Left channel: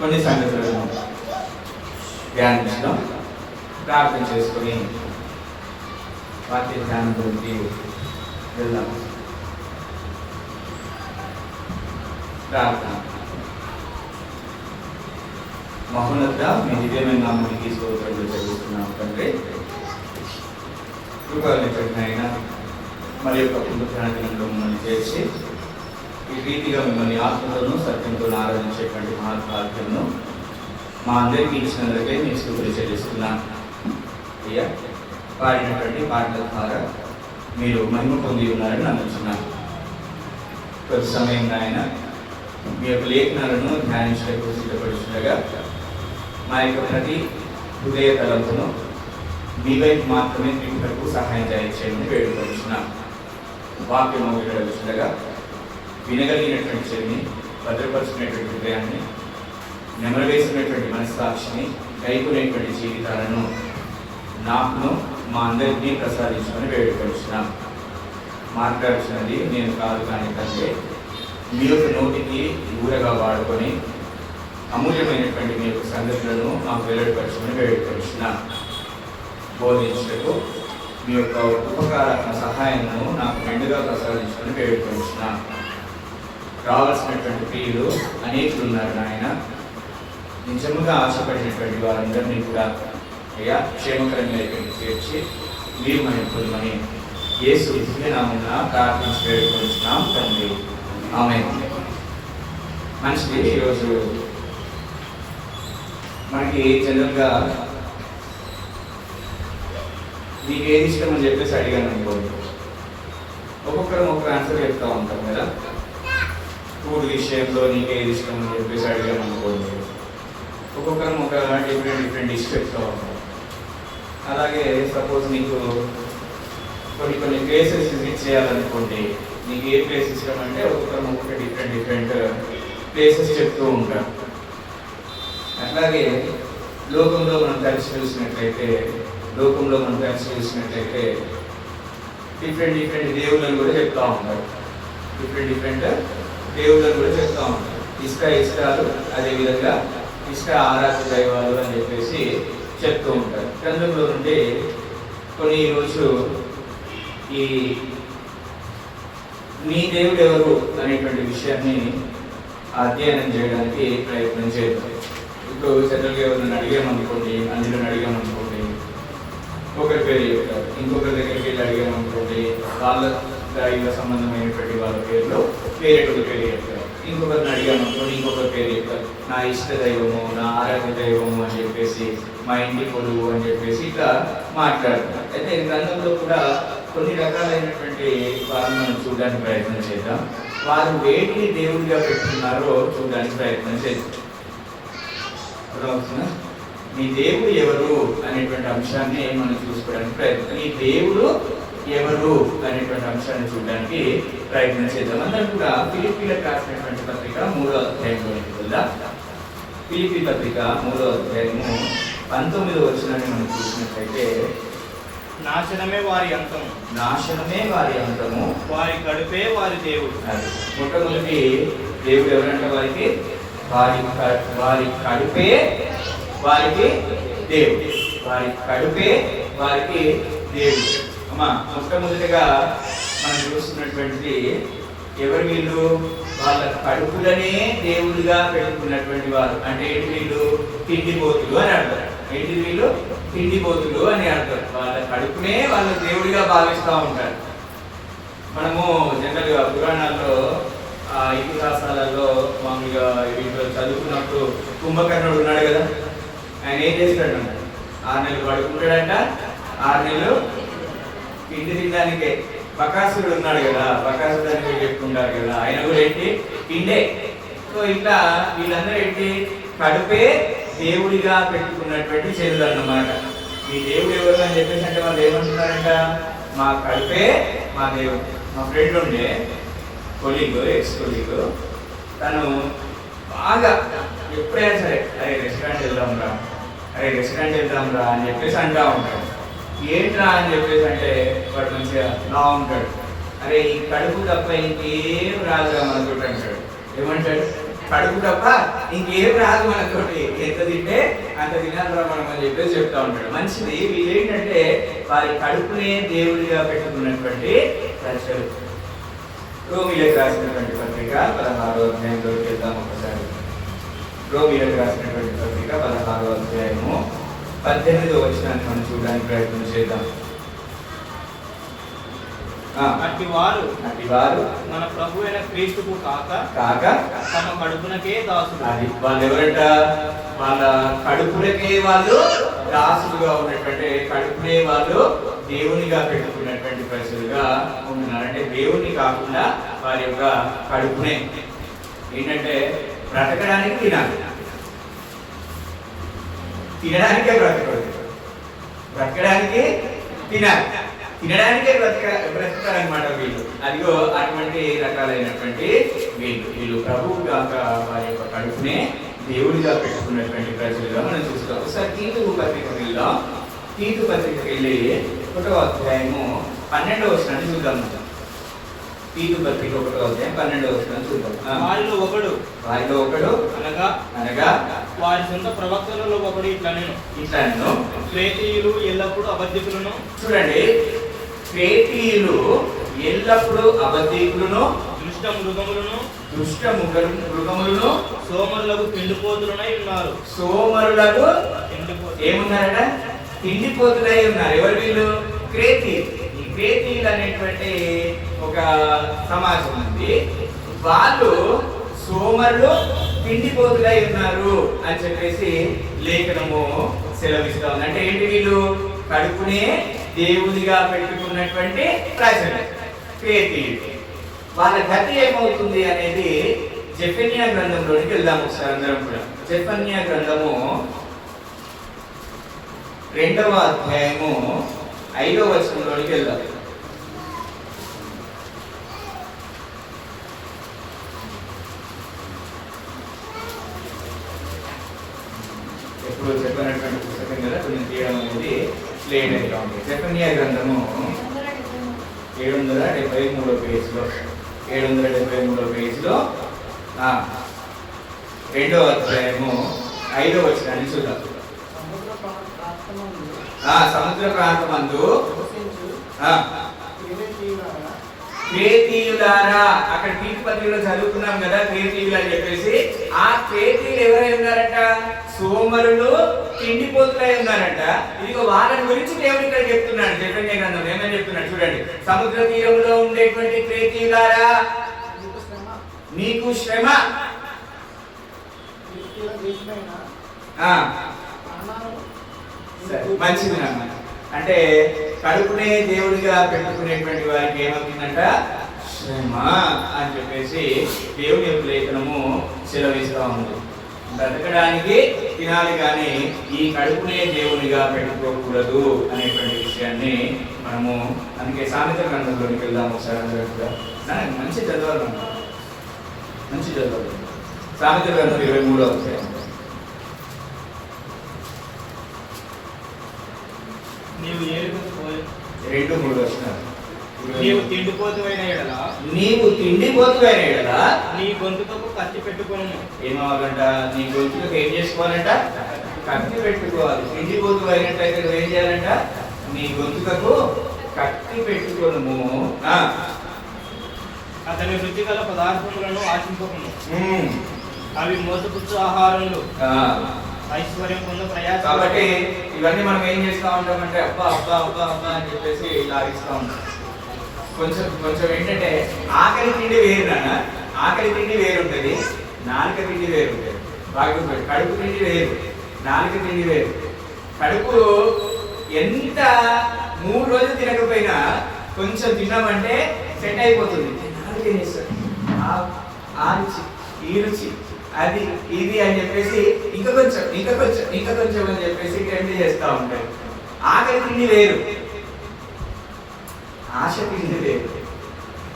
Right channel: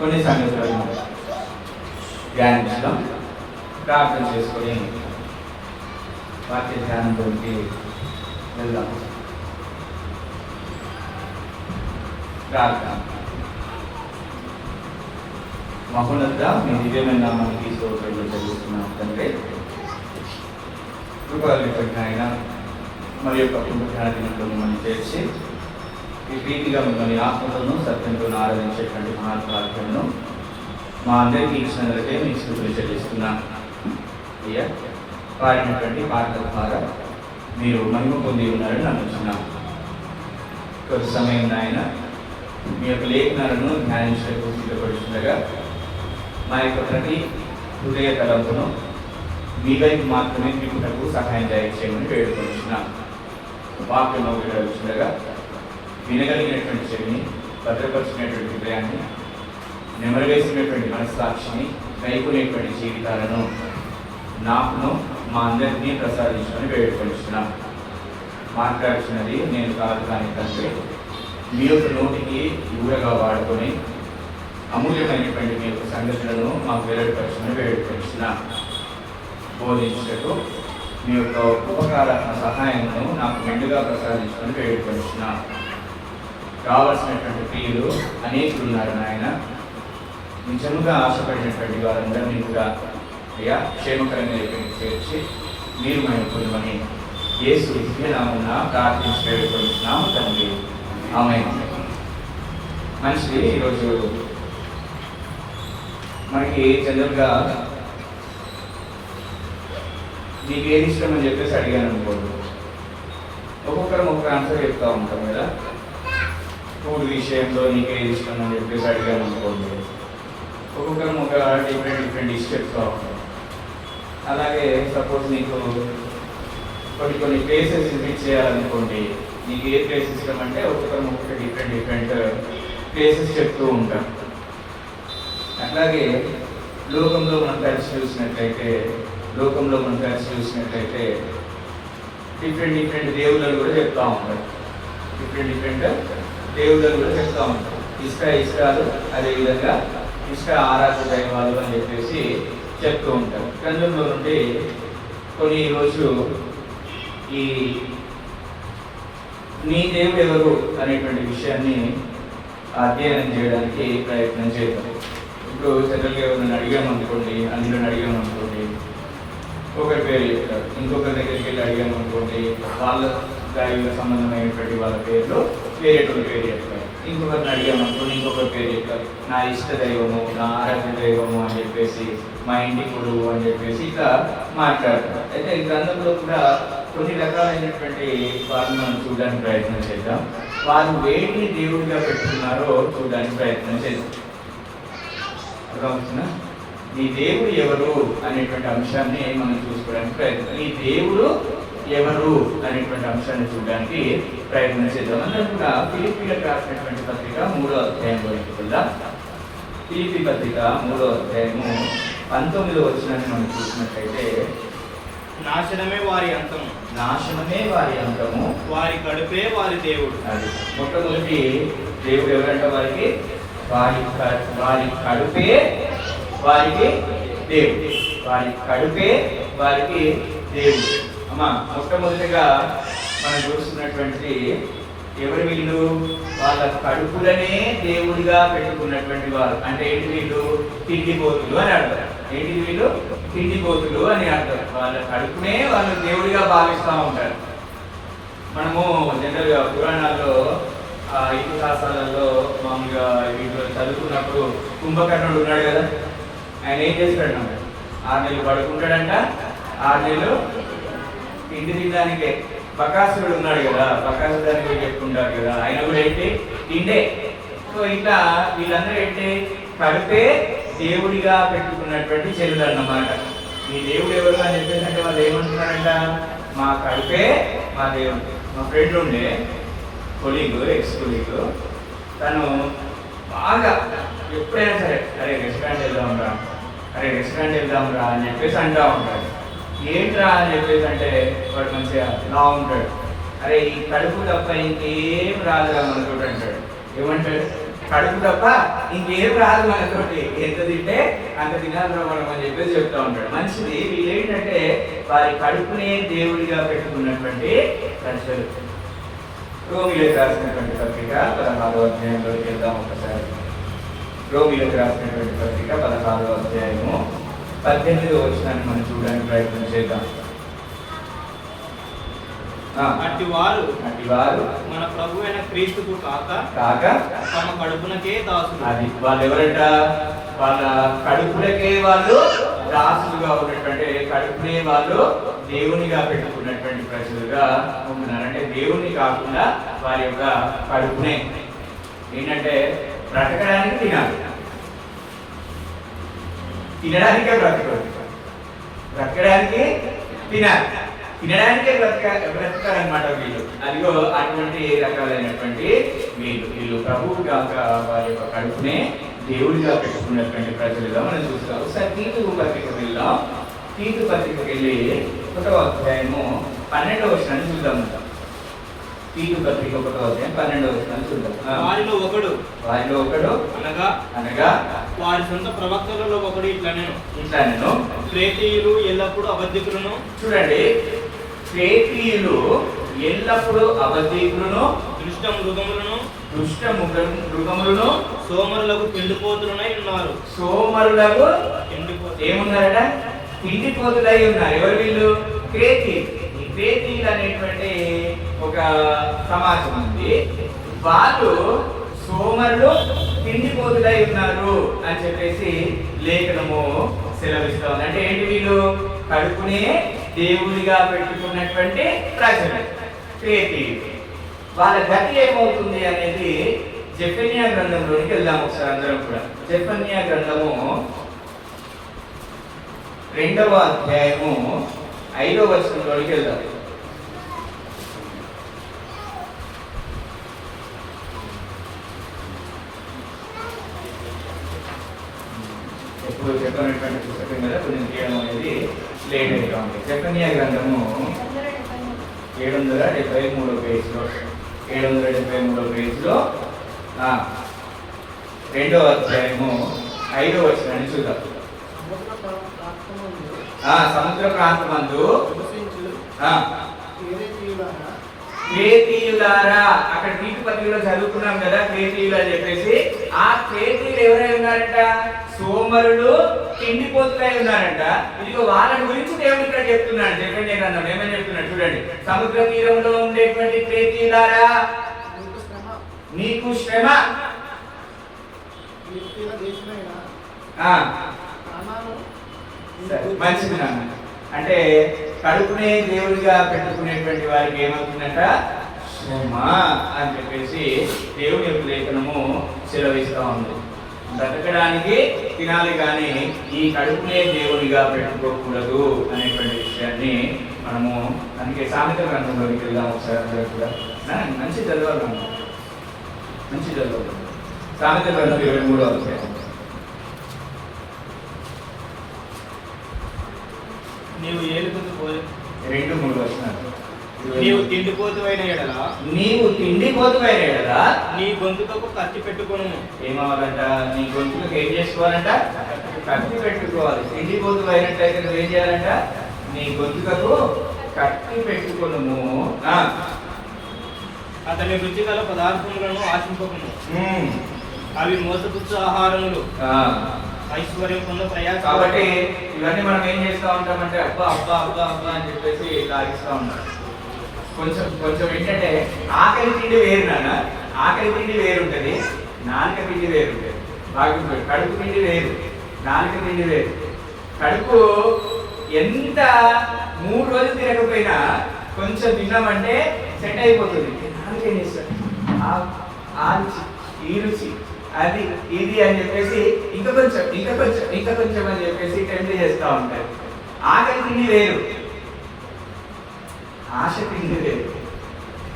కొన్ని సంగతులను ధ్యానించడం, ప్రార్థన చేసుకొని వాక్య ధ్యానంలోకి వెళ్దాం. ప్రార్థన. మహోన్నత మీ దివ్యమైన నామానికి స్తోత్రాలు చెల్లిస్తున్నాం తండ్రి. కృపగలిగిన మరి యొక్క పుణ్యకార్యంలో మిమ్మల్ని చేసి ఈ రీతిగా మిమ్మల్ని ఆత్మలను సత్యంతో ఆరాధించేటువంటి మహాత్మాను మా అందరికీ ఇచ్చినందుకే మీ స్తుతులు చెల్లిస్తున్నాను. అయ్యా, పాడినటువంటి పాటల ద్వారా మీరు మహిమ పొంది ఉన్నారని నమ్ముతున్నాను. కొద్ది సమయం ఆయన మీ యొక్క లేఖనాలను ధ్యానించడానికి సిద్ధపడుతుండగా మా యొక్క ప్రతి హృదయ తలంపును మీ వైపు మాత్రమే తిరుగుటకు సహాయం చేయమని వేడుకొంటున్నాను. వాక్యం వినగలుగుతుండగా వినగలిగినటువంటి చెవిని, భద్రపరిచినటువంటి హృదయాన్ని, నెమరవేసినటువంటి మనస్సాక్షిని, కైకునేటువంటి జీవితాలను నాకును మా అందరినీ ప్రసాదించమని వేడుకొంటున్నాను. మాట్లాడుతున్నది నేను కాదు కానీ కంటే మీ యొక్క నోటికి ఊరగా వాడుకొని అమూల్యమైనటువంటి మీ యొక్క సంగతులను మాకు వెల్లడిపరచమని వేడుకొంటున్నాను. బోధించటకు మీ యొక్క ఉపకారాత్మ సహాయమును నాకు మెండుగా ప్రసాదించమని వేడుకొంటున్నాను. కావలసినటువంటి ప్రియులు అనేకులు ఉన్నారు నాయన. నిజంగా ఆశపడినటువంటి వారందరినీ కూడా అయ్యా క్షేమకరంగా ఇక్కడికి చేర్చి మీరు మహిమని యేసు దివ్యనామమున ప్రార్థించి వేడుకొంటున్నాం తండ్రి. ఆమేన్. మంచిది. ఈరోజు మనకి జనరల్గా నీకు ఏది ఇష్టం అని చెప్పేసి అడిగాను అనుకోండి, ఒక్కొక్కరు ఒక్కొక్క ఆన్సర్ చెప్తూ ఉంటాం కదా. ఫుడ్ విషయంలో నీకు ఏది ఇష్టం అని చెప్పేసి అడిగాను అనుకోండి, ఒక్కొక్కరు ఒక డిఫరెంట్ డిష్ చెప్తూ ఉంటాం. అలాగే సపోజ్ నీకు కొన్ని ప్లేసెస్ విజిట్ చేయాలనుకోండి, నీకు ఏ ప్లేస్ ఇష్టం అంటే ఒక్కొక్కరు ఒక్కొక్క డిఫరెంట్ ప్లేసెస్ చెప్తూ ఉంటాం. అట్లాగే లోకంలో మనం పరిశీలించినట్లయితే డిఫరెంట్ దేవుళ్ళని కూడా చెప్తూ ఉంటారు. డిఫరెంట్ దేవుళ్ళని కూడా చెప్తూ ఉంటారు. ఇష్టాలు, అదేవిధంగా ఆరాధన దైవాలు అని చెప్పేసి చెప్తూ ఉంటారు. అందులో నుండి కొన్ని రోజు ఈ నీ దేవుడు ఎవరు అనేటువంటి విషయాన్ని అధ్యయనం చేయడానికి ప్రయత్నం చేద్దాం. ఇప్పుడు జనరల్గా ఎవరిని అడిగాను అనుకోండి, ఒకరి పేరు చెప్తారు. ఇంకొకరి దగ్గరికి వెళ్ళి అడిగాను అనుకోండి, వాళ్ళ దైవ సంబంధమైనటువంటి వాళ్ళ పేర్లు వేరేటువంటి పేరు చెప్తారు. ఇంకొకరిని అడిగాను అనుకోండి, ఇంకొకరి పేరు చెప్తారు. నా ఇష్ట దైవము, నా ఆరాధ్య దైవము అని చెప్పేసి, మా ఇంటి కొడుకు అని చెప్పేసి ఇట్లా మాట్లాడతారు. అయితే గ్రంథంలో కూడా కొన్ని రకాలైనటువంటి వాళ్ళని మనం చూడడానికి ప్రయత్నం చేద్దాం. వారు వేటిని దేవుడిగా పెట్టుకున్నారో చూడడానికి ప్రయత్నం చేద్దాం. అర్థమవుతుందా? నీ దేవుడు ఎవరు అనేటువంటి అంశాన్ని మనం చూసుకోవడానికి ప్రయత్నం, నీ దేవుడు ఎవరు అనేటువంటి అంశాన్ని చూడడానికి ప్రయత్నం చేద్దాం. అందరం కూడా ఫిలిప్పీలకు రాసినటువంటి పత్రిక 3వ అధ్యాయంలోకి వెళ్దాం. ఫిలిప్పీ పత్రిక 3వ అధ్యాయము 19వ వచనాన్ని మనం చూసినట్లయితే, నాశనమే వారి అంతము, వారి కడుపే వారి దేవుడు. అది మొట్టమొదటి దేవుడు ఎవరంటే వారి కడుపే వారికి దేవుడు. అమ్మా, మొట్టమొదటిగా మనం చూస్తున్నటువంటి ఎవరు వీళ్ళు? వాళ్ళ కడుపులనే దేవుడిగా పెట్టుకున్నటువంటి వారు. అంటే ఏంటి? వీళ్ళు తిండిపోతులు అని అంటారు. తిండిపోతులు అని అంటారు. వాళ్ళ కడుపునే వాళ్ళు దేవుడిగా భావిస్తూ ఉంటారు. మనము జనరల్గా పురాణాల్లో ఇతిహాసాలలో మామూలుగా వీళ్ళు చదువుకున్నప్పుడు కుంభకర్ణుడు ఉన్నాడు కదా, ఆయన ఏం చేస్తాడు? 6 నెలలు పడుకుంటాడంట, 6 నెలలు తిండి తినడానికే. బకాసురుడు ఉన్నాడు కదా, బకాసురుడానికి చెప్పుకుంటారు కదా, ఆయన కూడా ఏంటి? తిండే. సో ఇట్లా వీళ్ళందరూ ఏంటి? కడుపే దేవుడిగా పెట్టుకున్నటువంటి చెల్లు అన్నమాట. ఈ దేవుడు ఎవరు అని చెప్పేసి అంటే వాళ్ళు ఏమంటున్నారంట? మా కడుపే మా దేవుడు. మా ఫ్రెండ్ ఉండే ఎక్స్ కొలీగ్, తను బాగా ఎప్పుడైనా సరే రెస్టారెంట్ వెళ్దాం రా అని చెప్పేసి అంటూ ఉంటాడు. ఏంట్రా అని చెప్పేసి అంటే వాడు మంచిగా లా ఉంటాడు. అరే ఈ కడుపు తప్ప ఇంకేం రాదురా మనకు అంటాడు. ఏమంటాడు? కడుపు తప్ప ఇంకేం రాదు మనతోటి. ఎంత తింటే అంత తినాలిరా మనం అని చెప్పేసి చెప్తా ఉంటాడు. మంచిది. వీళ్ళు ఏంటంటే వారి కడుపునే దేవుడిగా పెట్టుకున్నటువంటి ప్రజలు. రోమిలకు రాసినటువంటి పత్రిక 16వ అధ్యాయంలోకి వెళ్దాం ఒకసారి. రోమిలకు రాసినటువంటి పత్రిక 16వ అధ్యాయము 18వ వచనాన్ని మనం చూడడానికి ప్రయత్నం చేద్దాం. అట్టి వారు మన ప్రభు అయిన క్రీస్తుకు కాక తమ కడుపునకే దాసులు. అది వాళ్ళు ఎవరంట? వాళ్ళ కడుపులకే వాళ్ళు దాసులుగా ఉన్నటువంటి, కడుపునే వాళ్ళు దేవునిగా పెట్టుకున్నటువంటి ప్రజలుగా ఉన్నారు. అంటే దేవుణ్ణి కాకుండా వారి యొక్క కడుపునే ఏంటంటే బ్రతకడానికి తినాలి, తినడానికే బ్రతకడు, బ్రతకడానికి తినాలి, తినడానికే బ్రతకాలన్నమాట వీళ్ళు. అదిగో అటువంటి రకాలైనటువంటి వీళ్ళు ప్రభువు కాక వారి యొక్క కడుపునే దేవుడిగా పెట్టుకున్నటువంటి ప్రజలుగా మనం చూస్తాం. ఒకసారి తీతు పత్రికకి వెళ్దాం. తీతు పత్రికకి వెళ్ళి 1వ అధ్యాయము 12వ వచనాన్ని చూద్దాం. తీతు పత్రిక 1వ అధ్యాయం 12వ వచనాన్ని చూద్దాం. వారిలో ఒకడు అనగా వారి సొంత ప్రవక్తలలో ఒకడు ఇట్లనెను క్రేతీయులు ఎల్లప్పుడూ అబద్ధికులను. చూడండి, క్రేతీయులు ఎల్లప్పుడూ అబద్ధికులను, దుష్ట మృగములను సోమరులకు తిండిపోతులై ఉన్నారు. సోమరులకు ఏమున్నారట? తిండిపోతులై ఉన్నారు. ఎవరు వీళ్ళు? క్రేతీయులు. ఈ క్రేతీయులు అనేటువంటి ఒక సమాజం ఉంది. వాళ్ళు సోమరులు తిండిపోతులై ఉన్నారు అని చెప్పేసి లేఖనము సెలవిస్తా ఉంది. అంటే ఏంటి? వీళ్ళు కడుపునే దేవుడిగా పెట్టుకున్నటువంటి ప్రజలు క్రేతీయులు. వాళ్ళ గతి ఏమవుతుంది అనేది జెఫన్యా గ్రంథంలోనికి వెళ్దాం ఒకసారి అందరం కూడా. జెఫన్యా గ్రంథము 2వ అధ్యాయము 5వ వచనంలోనికి వెళ్దాం. ఎప్పుడు చెప్పినటువంటి పుస్తకం కదా, కొంచెం తీయడం అనేది లేట్ అవుతా ఉంది. జెఫన్యా గ్రంథము 773వ పేజీలో 773వ పేజీలో 2వ అధ్యాయము 5వ వచనాన్ని చూద్దాం. సముద్ర ప్రాంతమందు క్రేతీయులారా, అక్కడ తీతు పత్రికలో చదువుకున్నాం కదా క్రేతీయులు అని చెప్పేసి. ఆ క్రేతీయులు ఎవరై ఉన్నారంట? సోమరులు తిండిపోతులై ఉన్నారంట. ఇదిగో వాళ్ళని గురించి దేవుడు ఇక్కడ చెప్తున్నాడు. జెఫన్యా గ్రంథం ఏమని చెప్తున్నాడు చూడండి. సముద్ర తీరంలో ఉండేటువంటి క్రేతీయులారా, మీకు శ్రమ. మంచిది నాన్న. అంటే కడుపునే దేవుడిగా పెట్టుకునేటువంటి వారికి ఏమవుతుందంట? శ్రమ అని చెప్పేసి దేవుని యొక్క లేఖనము సెలవిస్తూ ఉంది. బ్రతకడానికి తినాలి కానీ ఈ కడుపునే దేవునిగా పెట్టుకోకూడదు అనేటువంటి విషయాన్ని మనము అందుకే సామెత గ్రంథంలోకి వెళ్దాం ఒకసారి. మంచి చదవాలి, మంచి చదవాలి. సామెత గ్రంథం 23వ అధ్యాయం. నీవు ఏలుకొందు 2-3 వచనాలు. నీవు తిండిపోతువైన ఎడల నీ గొంతుకు కత్తి పెట్టుకోను. ఏమవ్వాలంట? నీ గొంతుకు ఏం చేసుకోవాలంట? కత్తి పెట్టుకోవాలి. తిండిపోతువైనట్లయితే నువ్వేం చేయాలంట? నీ గొంతుకు కత్తి పెట్టుకోను. అతని రుచిగల పదార్థములను ఆశింపకును. అవి మోసపుచ్చు ఆహారములు, ఐశ్వర్యం పొంద ప్రయాస. కాబట్టి ఇవన్నీ మనం ఏం చేస్తూ ఉంటామంటే అబ్బా అబ్బా అబ్బా అబ్బా అని చెప్పేసి లాగిస్తూ ఉంటాం. కొంచెం కొంచెం ఏంటంటే ఆకలి తిండి వేరు నాన్న. ఆకలి తిండి వేరు ఉంటుంది, నాలుక తిండి వేరు ఉంటుంది. బాగుంటుంది. కడుపు తిండి వేరు, నాలుక తిండి వేరు. కడుపు ఎంత 3 రోజులు తినకపోయినా కొంచెం తిన్నామంటే సెట్ అయిపోతుంది. నాలుక ఏం చేస్తాడు? ఆ రుచి, ఈ రుచి, అది ఇది అని చెప్పేసి ఇంకా కొంచెం అని చెప్పేసి టెంప్ట్ చేస్తూ ఉంటారు. ఆకలి తిండి వేరు, ఆశ తిండి వేరు.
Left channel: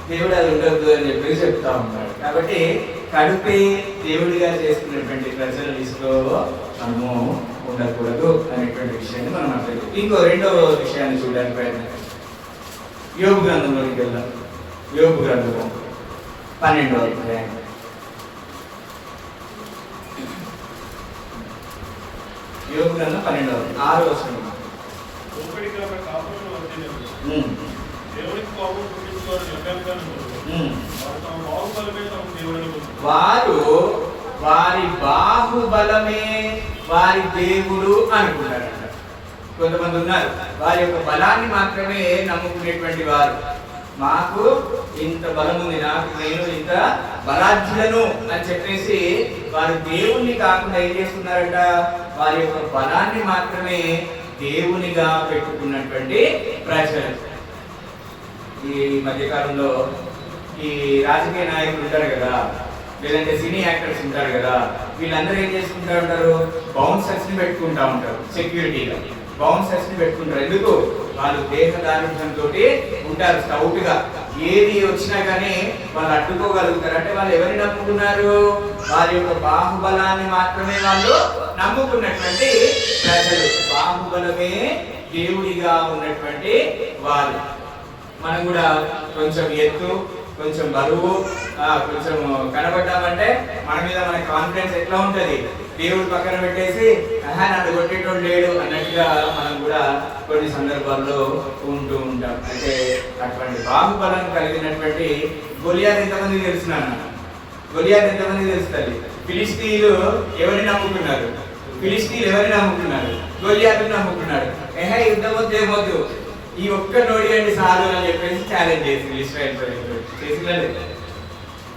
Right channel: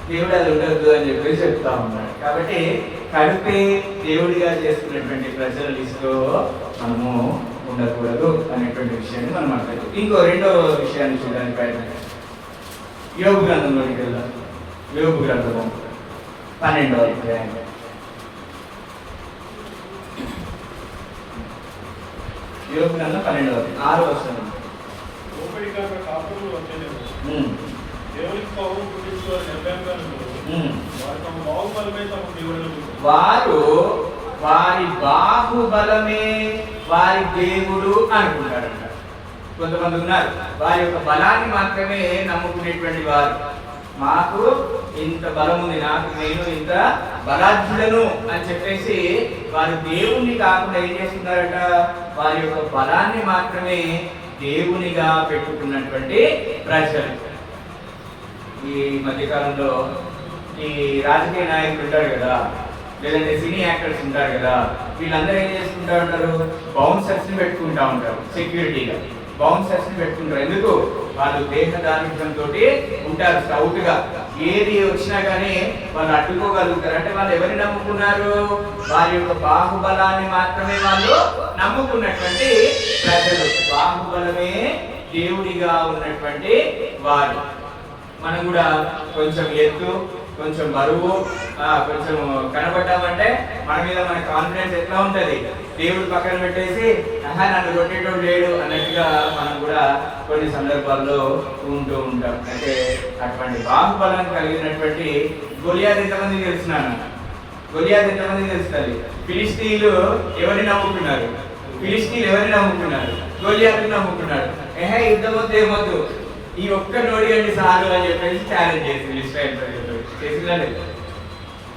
దేవుడు అది ఉండద్దు అని చెప్పేసి చెప్తా ఉన్నాడు. కాబట్టి కడుపే దేవుడిగా చేసుకున్నటువంటి ప్రజల లిస్టులో మనము ఉండకూడదు అనేటువంటి విషయాన్ని మనం మాట్లాడుతాం. ఇంకో 2వ విషయాన్ని చూడడానికి ప్రయత్నం. యోబు గ్రంథంలోకి వెళ్దాం. యోబు గ్రంథం 12వ అధ్యాయం యోబు గ్రంథం 12వ అధ్యాయం 6వ వచనం. వారు వారి బాహుబలమే వారి దేవుడు అనుకుంటారంట. కొంతమంది ఉన్నారు వారి యొక్క బలాన్ని మాత్రమే నమ్ముకునేటువంటి వారు. మాకు ఇంత బలం ఉంది, నేను ఇంత బలాజ్యులను అని చెప్పేసి వారు దేవుణ్ణి కాకుండా ఏం చేస్తున్నారట, వారి యొక్క బలాన్ని మాత్రమే దేవునిగా పెట్టుకున్నటువంటి ప్రజలు. ఈ మధ్యకాలంలో ఈ రాజకీయ నాయకులు ఉంటారు కదా, లేదంటే సినీ యాక్టర్స్ ఉంటారు కదా, వీళ్ళందరూ ఏం చేసుకుంటా ఉంటారు, బౌన్సర్స్ ని పెట్టుకుంటా ఉంటారు, సెక్యూరిటీగా బౌన్సర్స్ ని పెట్టుకుంటారు. ఎందుకు? వాళ్ళు దేహ దారిద్ర్యంతో ఉంటారు, స్టౌట్ గా ఏది వచ్చినా కానీ వాళ్ళు అడ్డుకోగలుగుతారు. అంటే వాళ్ళు ఎవరిని నమ్ముకున్నారు, వారి యొక్క బాహుబలాన్ని మాత్రమే వాళ్ళు నమ్ముకున్నటువంటి ప్రజలు. బాహుబలమే దేవుడిగా ఉన్నటువంటి వారు. మనం కూడా కొంచెం ఎత్తు, కొంచెం బరువు, కొంచెం కనబడ్డామంటే మన మీద మన కాన్ఫిడెన్స్ ఎట్లా ఉంటుంది, దేవుడు పక్కన పెట్టేసి నన్ను కొట్టేటోడు లేడు అన్నట్టుగా మనం కూడా కొన్ని సందర్భాల్లో ఉంటూ ఉంటాం. అంటే అటువంటి బాహుబలం కలిగినటువంటి గొలియాత్ ఎంతమంది తెలుసున్నాను? గొలియాత్ ఎంతమంది తెలుస్తుంది? ఫిలిస్తీన్లు ఎవరిని నమ్ముకున్నారు? ఫిలిస్తీన్లు ఎవరిని నమ్ముకున్నారు? గొలియాతుని నమ్ముకున్నాడు. యుద్ధం వద్దు, ఏమొద్దు, ఈ ఒక్క నోడి అండి సాలు అని చెప్పేసి ఛాలెంజ్ చేసింది ఇశ్రాయేల్ ప్రజలు. చేసిందా?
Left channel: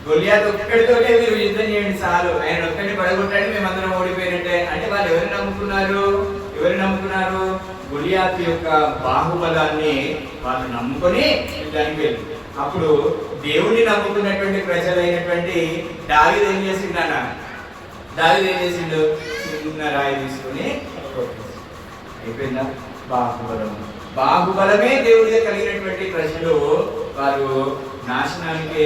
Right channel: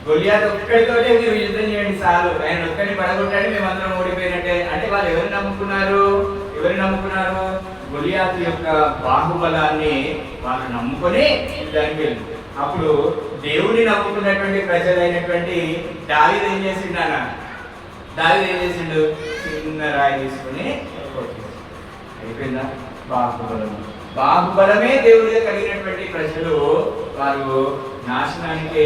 గొలియాత్ ఒక్కడితోనే మీరు యుద్ధం చేయండి చాలు, ఆయన ఒక్కడిని పడగొట్టాడు, మేమందరం ఓడిపోయినట్టే. అంటే వాళ్ళు ఎవరిని నమ్ముకున్నారు? గొలియాత్ యొక్క బాహుబలాన్ని వాళ్ళు నమ్ముకొని యుద్ధానికి వెళ్ళి. అప్పుడు దేవుణ్ణి నమ్ముకున్నటువంటి ప్రజలైనటువంటి దావీదు ఏం చేసిండు? దావీదు ఏం చేసిండు? చిన్న రాయి తీసుకుని అయిపోయిందా? బాహుబలమే దేవుడిగా కలిగినటువంటి ప్రజలు వారు నాశనానికే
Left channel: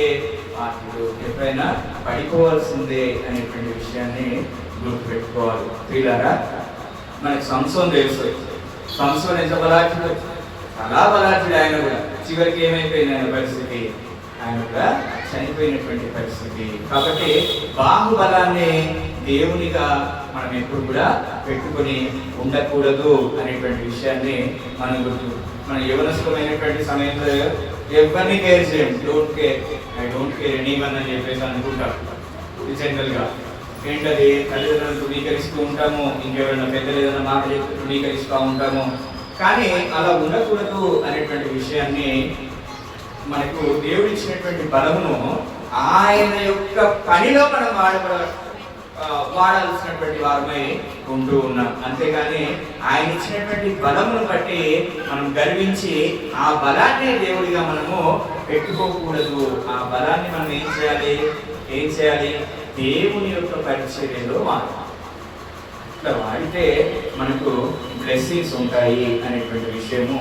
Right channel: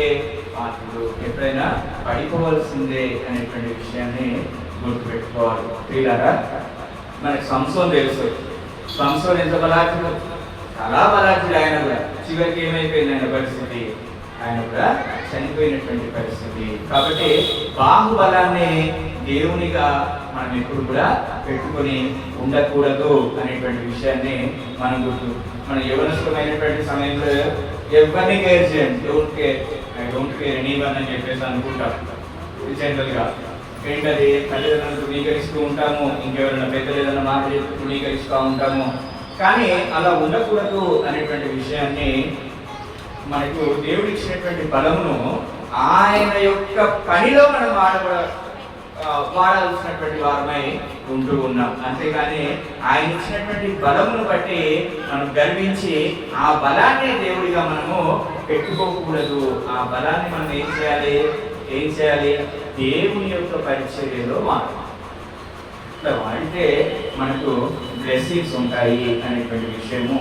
పాత్రులు, ఎప్పుడైనా పడిపోవాల్సిందే అనేటువంటి విషయాన్ని గుర్తుపెట్టుకోవాలి. ప్రియులారా, మనకి సంసోన్ తెలుసు. సంసోన్ ఎంత బలాఢ్యుడు, చాలా బలాఢ్యుడు. ఆయన కూడా చివరికి ఏమైపోయింది ఆయన పరిస్థితి? ఆయన కూడా చనిపోయినటువంటి పరిస్థితి. కాబట్టి బాహుబలాన్ని దేవునిగా మనం ఎప్పుడు కూడా పెట్టుకొని ఉండకూడదు అనేటువంటి విషయాన్ని మనం మన యవనస్తులమైనటువంటి సమయంలో ఎవరిని కేర్ చేయండి. ఐ డోంట్ కేర్ ఎనీవన్ అని చెప్పేసి అనుకుంటాం జనరల్గా. ఏంటది? తల్లిదండ్రులను తృణీకరిస్తూ ఉంటాము, ఇంకెవరైనా పెద్దలు ఏదైనా మాటలు తృణీకరిస్తూ ఉంటాము. కానీ అలా ఉండకూడదు అనేటువంటి విషయాన్ని మనకు దేవుడు ఇచ్చినటువంటి బలమును ఆయన యొక్క పనిలో మనం వాడాల్సినటువంటి వారమై ఉంటూ ఉన్నాం. అంతేగాని ఆయన ఇచ్చినటువంటి బలమును బట్టి మనం గర్వించి ఆ బలాన్ని దేవుడిగా మనము పెట్టుకోకూడదు. ఆ బలాన్ని మనం ఏం చేయాలి? దేవుని యొక్క పరిచర్యలో ఇట్లా వాడితే మనకు బ్లెస్సింగ్స్ ఉంటాయి అనేటువంటి విషయము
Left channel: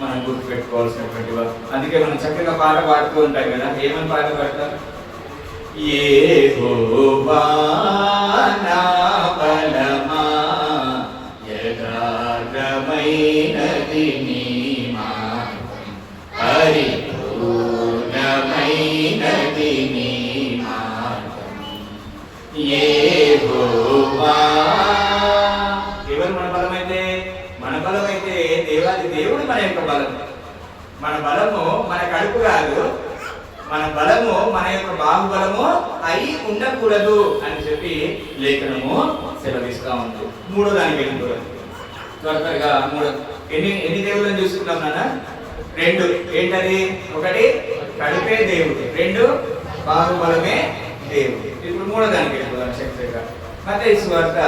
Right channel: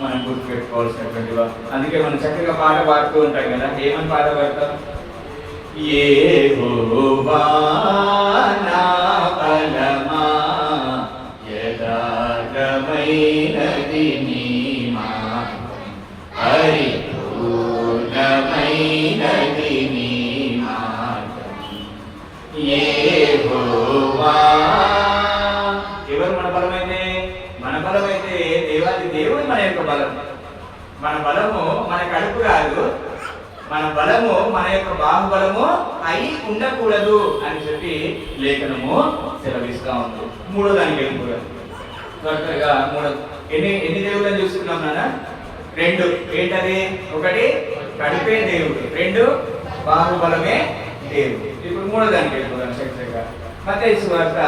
మనం గుర్తుపెట్టుకోవాల్సినటువంటి. అందుకే మనం చక్కగా పాట పాడుతూ ఉంటాం కదా. ఏమని పాట పాడతాం? యెహోవా నా బలమా, యథార్థమైనది నీ మార్గం, పరిపూర్ణమైనది నీ మార్గం. యెహోవా. ఎవరు మన బలమైతే? మన బలమైతే దేవాది దేవుడు మన యొక్క బలం. మన బలము మన కడుపు కాదు, మన బలము మన యొక్క బాహుబలము అయి ఉండకూడదు అని చెప్పి లేఖనము సెలవిస్తా ఉంది. మూడో దానికి వెళ్ళిపోతాం త్వరగా. ఎన్ని దేవుళ్ళని చూసుకున్నాం నాన్న? 2. ఏంటది? 1 కడుపే దేవుడు, 2 బాహుబలమే దేవుడు. ఇప్పుడు మూడో దానికి వెళ్ళిపోతాం చక్కగా. మత్తయి సువార్త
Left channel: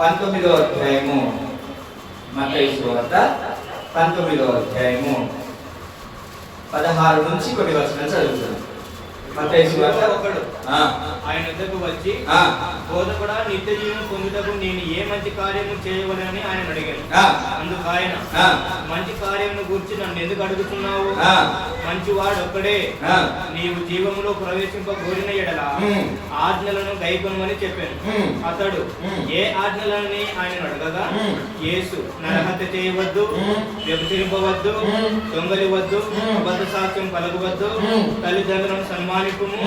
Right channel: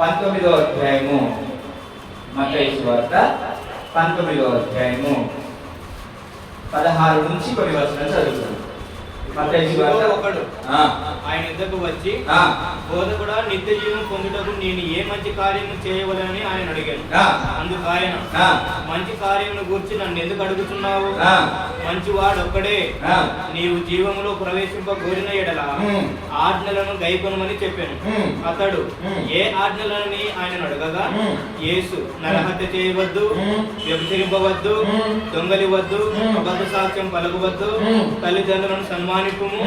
19వ అధ్యాయము. మత్తయి సువార్త 19వ అధ్యాయము 16 నుంచి కొన్ని వచనాలు చదువుతాను. మత్తయి సువార్త. ఒకడు ఆయన ఎద్దకు వచ్చి, బోధకుడా, నిత్య జీవం పొందుటకు నేను ఏ మంచి కార్యము చేయవలని ఆయన అడిగాను. అందుకు ఆయన, మంచి కార్యమును గురించి నన్ను ఎందుకు అడుగుతున్నావు? మంచివాడు ఒక్కడే ఆ. నీవు జీవములో ప్రవేశింపగోరిన ఎడల ఆజ్ఞలను గైకొనమని చెప్పాను. అతడు ఏ ఆజ్ఞలని ఆయన అడగగా, యేసు నరహత్య చేయవద్దు, వ్యభిచరింపవద్దు, దొంగలివద్దు, అబద్ధ సాక్ష్యం పలకవద్దు, తల్లిదండ్రులను సన్మానింపుము,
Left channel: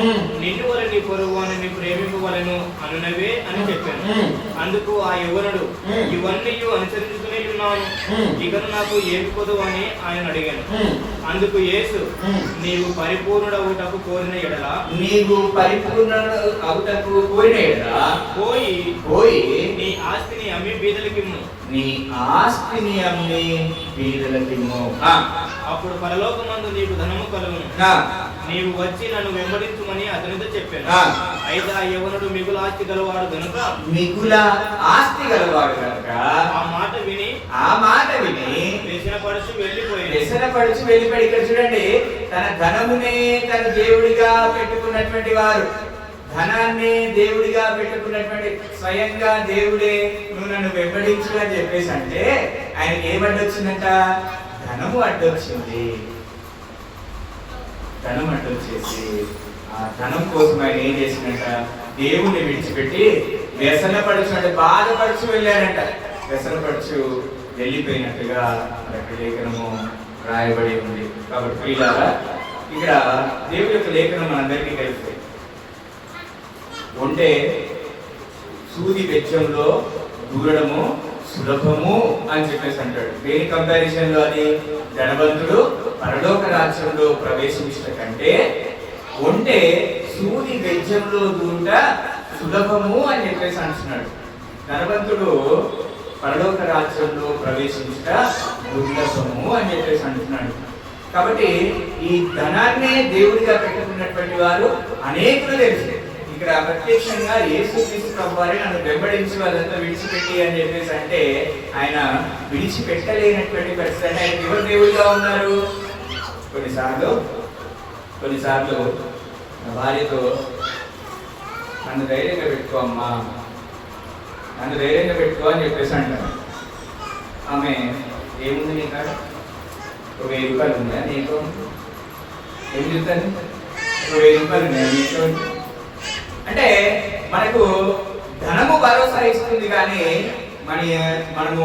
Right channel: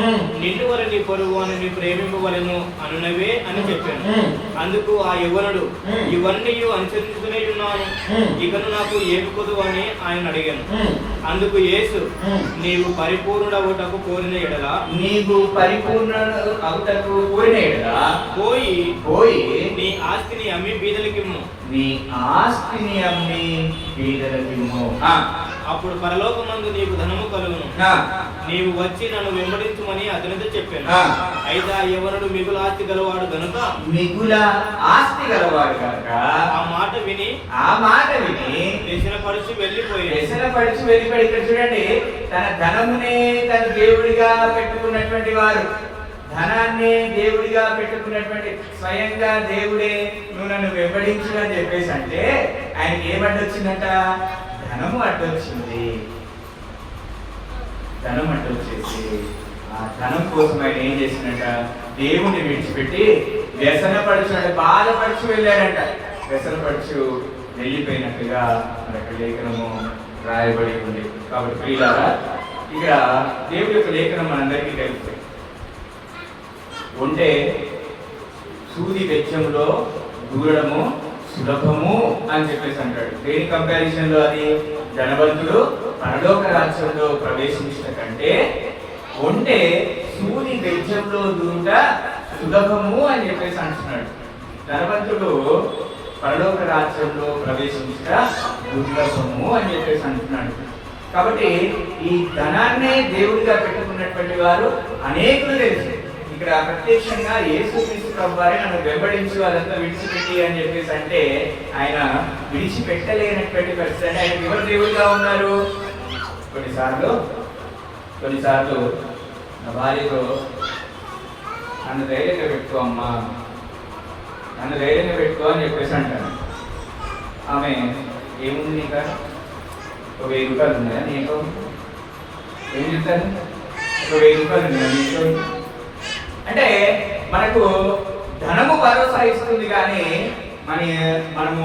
నిన్ను వలె నీ పొరుగువానిని ప్రేమింపవలెను అనునవే అని చెప్పాను. అందుకు ఆ యవ్వనుడు, ఇవన్నీ అనుసరించుకునే ఉన్నాను, ఇకను నాకు ఏమి పొదువు అని ఆయన అడిగాను. అందుకు యేసు, నీవు పరిపూర్ణుడవుటకు కోరిన ఎడల పోయి నీ ఆస్తిని అమ్మి బీదలకిమ్ము. అప్పుడు పరలోకమందు నీకు ధనము కలుగును. నీవు వచ్చి నన్ను వెంబడించుమని అతనితో చెప్పాను. అయితే ఆ యవనుడు మిగుల ఆస్తి గలవాడు కనుక ఆ మాట విని వ్యసనపడుచు వెళ్ళిపోయి. ఇక్కడ చూడండి, తన ధనమునే తన దేవుడిగా పెట్టుకున్నటువంటి వారు, ధనాన్ని దేవుడిగా పెట్టుకున్నటువంటి స్వయంగా దేవుడే నువ్వు నన్ను వెంబడించు అని చెప్పేసి అంటే ఆయనకి ఏమడ్డొచ్చిందంట? ధనము అడ్డొచ్చింది. ధనం అడ్డొచ్చేసి ఆ ధనం కోసం ఆయన ఏం చేసిందంట? దేవుణ్ణి విడిచిపెట్టి వ్యసనపడుచు అంటే బాధపడుచు వెళ్ళాడంట. వ్యసనపడుచు వెళ్ళిపోయినట్టుగా అక్కడ లేఖనము రాయబడి ఉంది. కాబట్టి ప్రియులారా, ఇక్కడ దేవుడి యొక్క లేఖనం మనందరికీ తెలుసు. ఉంటే సూది వెచ్చంలో దూరడము సులభము అని చెప్పేసి అంటాడు. దేని కంపారిజన్ లో అది? ధనవంతుడు పరలోక రాజ్యంలో ప్రవేశించడం కంటే ఉంటే సూది వెచ్చంలో దూరుట సులభము అని చెప్పేసి అంటున్నాడు. ధనవంతుడు పరలోక రాజ్యంలో ప్రవేశించట దుర్లభము అని చెప్పేసి అంటున్నాడు. కాబట్టి ఈ ధనాన్నే దేవుడిగా పెట్టుకున్నటువంటి వారు అనేకులు తెలుసు. ఇక్కడ ప్రత్యక్షంగా యేసుక్రీస్తు ప్రభువారే నన్ను వెంబడించి వాళ్ళంతా విడిచిపెట్టి అని చెప్పేసి అంటే ఆయన విడిచిపెట్టలేనటువంటి పరిస్థితి. ఆయన ఎవరు దేవుడిగా ఉన్నారు? కొన్నిసార్లు నా భార్యతో నన్ను ధైర్యంగా పెట్టుకో అమ్మా, నన్ను ధైర్యంగా పెట్టుకో అని చెప్పేసి అంటాను. ఆమె ఏముంది నీకు? ఒక 1000 రూపాయలు ఉందా నీకు? ఏం చెప్తాను? ఒక 1000 రూపాయలు ఉన్నాయా నీకు అంటే మనకు ధనము భరోసా ఇస్తుంది. కానీ మనము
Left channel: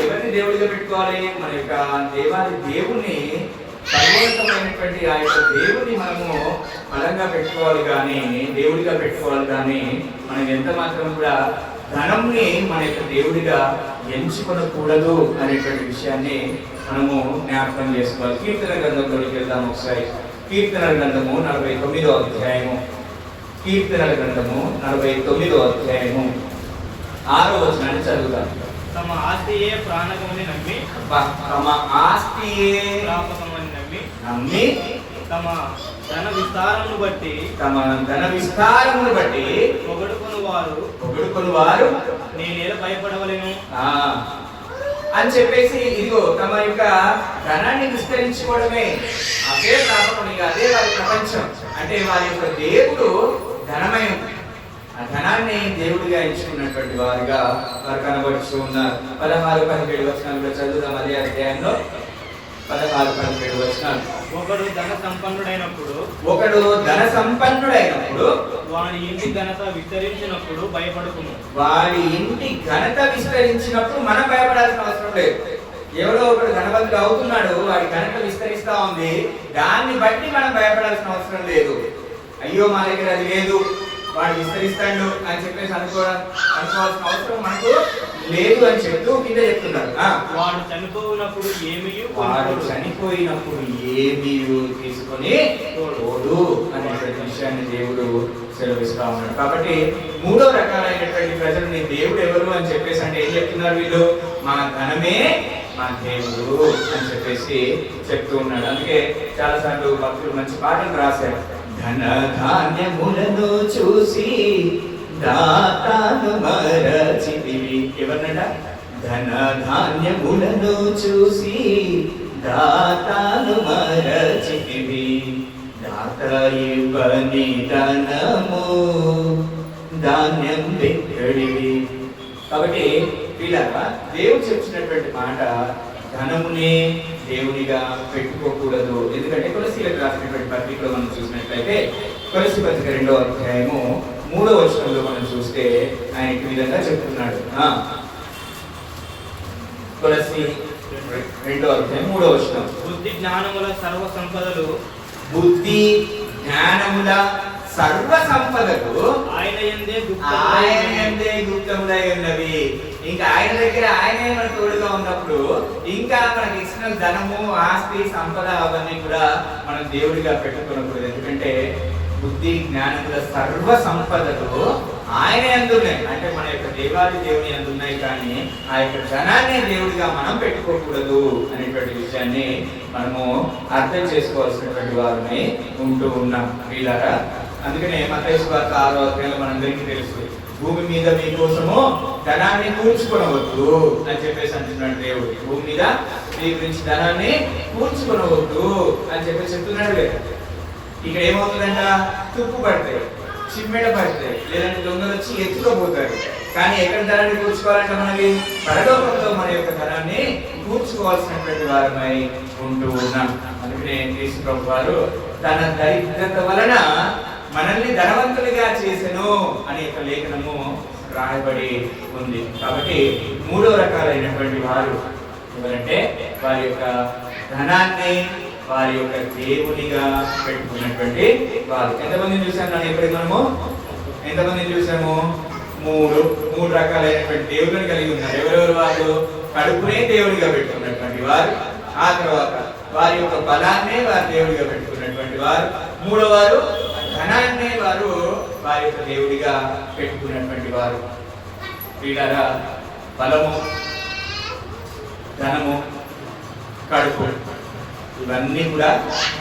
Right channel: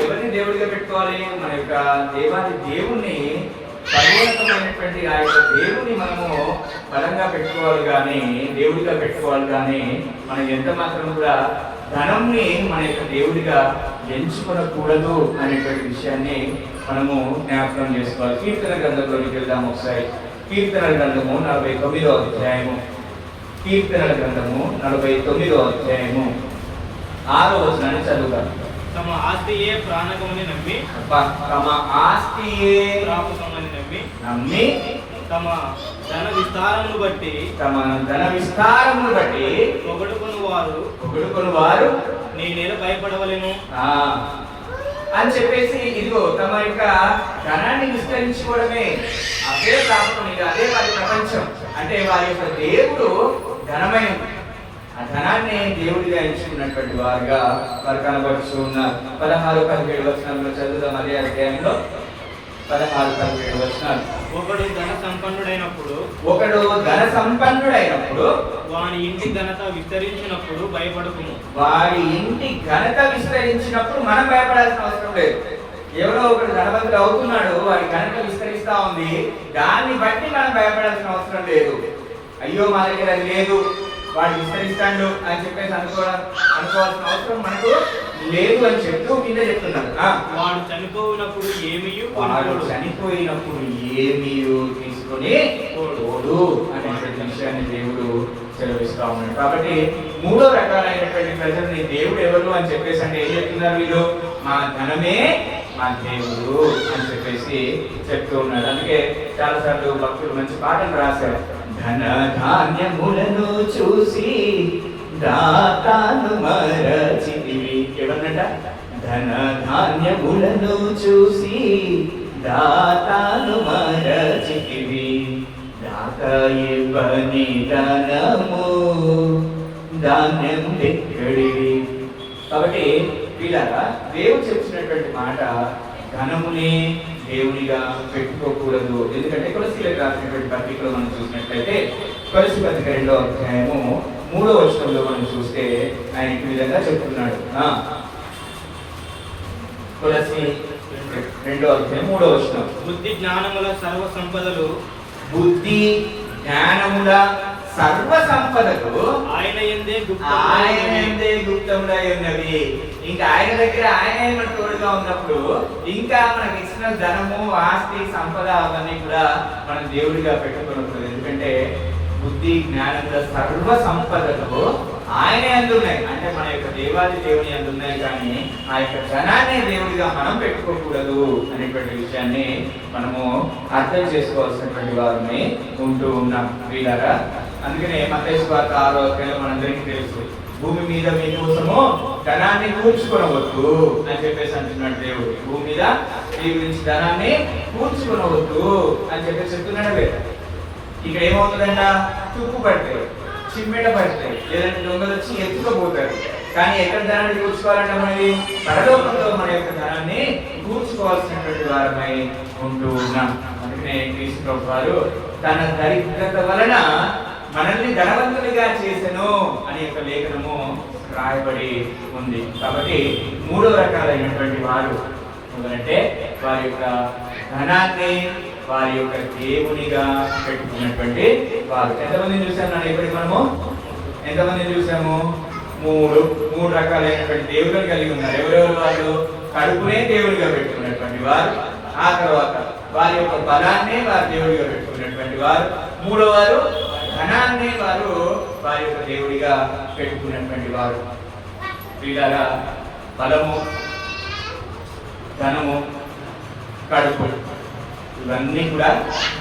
ఎవరిని దేవుడిగా పెట్టుకోవాలి? మన యొక్క దేవుణ్ణి, సర్వోన్నతమైనటువంటి ఆ యొక్క దేవుణ్ణి మనము బలంగా పెట్టుకోవాలి, కానీ దేవుడిగా పెట్టుకోవాలి. కానీ మనం ఎంత మాత్రం కూడా ధనంని మన యొక్క దేవుడిగా ఎంచుకొనకూడదు అనేటువంటి విషయాన్ని మనము జ్ఞాపకం చేసుకోవాలి. కీర్తన గ్రంథంలోకి వెళ్దాం ఒకసారి. కీర్తన గ్రంథము 49వ అధ్యాయము. కీర్తనల గ్రంథము 49వ అధ్యాయము 6వ వచనాన్ని చదువుతాం. తమ ఆస్తియే ప్రాణకమని నమ్మి తమ ధన విస్తారమును బట్టి పొగడుకొని వారు నీ నేల భయపడవలేను అని చెప్పేసి, ఇదిగో తమ యొక్క ధనాన్ని విస్తరించుకోవడమే అదే ప్రాపకం, ఇక అదే వారి ప్రపంచం. అంటే వారి యొక్క దేవుడు ధనమయం. ఆ ధనాన్ని దేవుడిగా ఎంచుకున్నటువంటి వారుగా వారు కనబడుతూ ఉన్నారు. 16-17 వచనాల్లో చదువుదాం. అదే అధ్యాయంలో 16-17 వచనాలు. ఒకడు ధన సంపన్నుడైనప్పుడు వాని ఇంటి ఘనత విస్తరించినప్పుడు భయపడకుము. వారి ఇంటి ఘనత విస్తరించినప్పుడు మనం భయపడాల్సిన అవసరం లేదు. ఎవరో ఒకడు ధనవంతుడు అవుతున్నాడు, వాడి ఘనత విస్తరిస్తా ఉంది, దాన్ని బట్టి మనం భయపడాల్సిన అవసరం లేదు. అయ్యో మా దగ్గర అది లేదు, వాడు విస్తరిస్తాడు అని చెప్పేసి అనుకోవాల్సిన అవసరం మనకు లేదు అని చెప్తూ కింద చెప్తున్నాడు. వాడు చనిపోయినప్పుడు ఏమీ తీసుకొని పోడు అనే విషయాన్ని దేవుడు సెలవిస్తా ఉన్నాడు. కాబట్టి 3వ రకాలైనటువంటి ప్రజలని దేవుడు ఎవరు అని చెప్పేసి అంటే ఏం చెప్తున్నారు వీళ్ళు? మా ధనమే మా దేవుడు అని చెప్పేసి చెప్తూ ఉన్నాడు. అందుకే చాలా సార్లు భక్తులు మంచి పాటలు రాశారు. ధన ధాన్యములను చూసి దాతాను మరచితివి. ఎవరినట? ధన ధాన్యములను చూసి దాతాను మరచితివి. దాత ఇవ్వని ధనము ధాన్యం ఎక్కడివి. కాబట్టి ఇలాగా దేవుడు చెప్పినటువంటి మాట, ధనమునే దేవునిగా పెట్టుకోకూడదు. ఎందుకంటే కొలసీల రాసినటువంటి పత్రికలో మనం చూసినట్లయితే కొలస్సీ పత్రిక 2వ అధ్యాయము 3వ వచనంలో మనం చూస్తే ఆయన ఈ విధంగా చెప్తున్నాడు. కొలస్సీ 2వ అధ్యాయం 3వ వచనం. బుద్ధి జ్ఞానముల సర్వ సంపదలు బుద్ధి జ్ఞానముల సర్వ సంపదలు ఆయన యందే గుప్తములై ఉన్నవి. ఇంకా ఆయన దగ్గర ఆయనే మన తోడుగా ఉన్నప్పుడు ఇంకా మనకి ఎక్స్టర్నల్ ధనము, ఆస్తి, సంపద అవన్నీ కూడా మనం దేవుడిగా పెట్టుకోకూడదు. ఎందుకంటే బుద్ధి జ్ఞానముల సర్వ సంపదలు ఆయన అందున్నాయి. అంటే మన యొక్క దేవాది దేవుని అందున్నాయి, కానీ ఆ యొక్క ధనాన్ని దేవుడిగా మనం పెట్టుకోకూడదు అనేటువంటి విషయాన్ని మనము అర్థం చేసుకోవాల్సినటువంటి వారిని ఉంటూ ఉన్నాం వీళ్ళారా. అందుకనే మత్తయి సువార్త 6వ అధ్యాయంలో మనందరికీ తెలుసు, భూమి మీద మీకోసము ధనాన్ని కూర్చుకొనవద్దు అని చెప్పేసి అంటున్నాడు దేవుడు. భూమి మీద మీ గురించి ధనాన్ని కూర్చుకొనవద్దు అని చెప్పేసి చెప్తున్నాడు కదా. ఇక్కడ ఏమవుతుందంట, తుప్పు పడతాయి, చిమ్మెట పడతాయి, లేదంటే దొంగలు వచ్చి ఎత్తుకోబోతారు. కానీ ఎక్కడ ధనాన్ని కూర్చుకోవాలంటే మనకి పరలోకంలో మన యొక్క ధనాన్ని కూర్చుకోవాల్సినటువంటి వారమై ఉంటూ ఉన్నాం. అందుకనే యేసు ప్రభు వారు తన దరిద్రత వలన మనల్ని ధనవంతులుగా చేసెను అనే యొక్క లేఖనము రాయబడి ఉంది. కాబట్టి 3 రకాలైనటువంటి వారు ఎందుకంటే వారి యొక్క ధనాన్ని వారి యొక్క దేవునిగా పెట్టుకున్నటువంటి వారు. ఎంతమందిని చూసాము నన్ను ఇప్పుడు మనము? ఎంతమందిని చూసాము? 3 రకాలైనటువంటి దేవుళ్ళని కలిగి ఉన్నారు. ఎవరెవరు వారు? కడుపునే దేవుడిగా పెట్టుకున్నటువంటి వారు, ఆ తర్వాత వారి యొక్క బలాన్ని వారి దేవుడిగా పెట్టుకున్నటువంటి వారు, 3వ వారు ధనాన్ని వారు వారి యొక్క దేవుడిగా పెట్టుకున్నటువంటి వారు. వీళ్ళారా బలము, ధనము, కడుపు ఇవన్నీ కూడా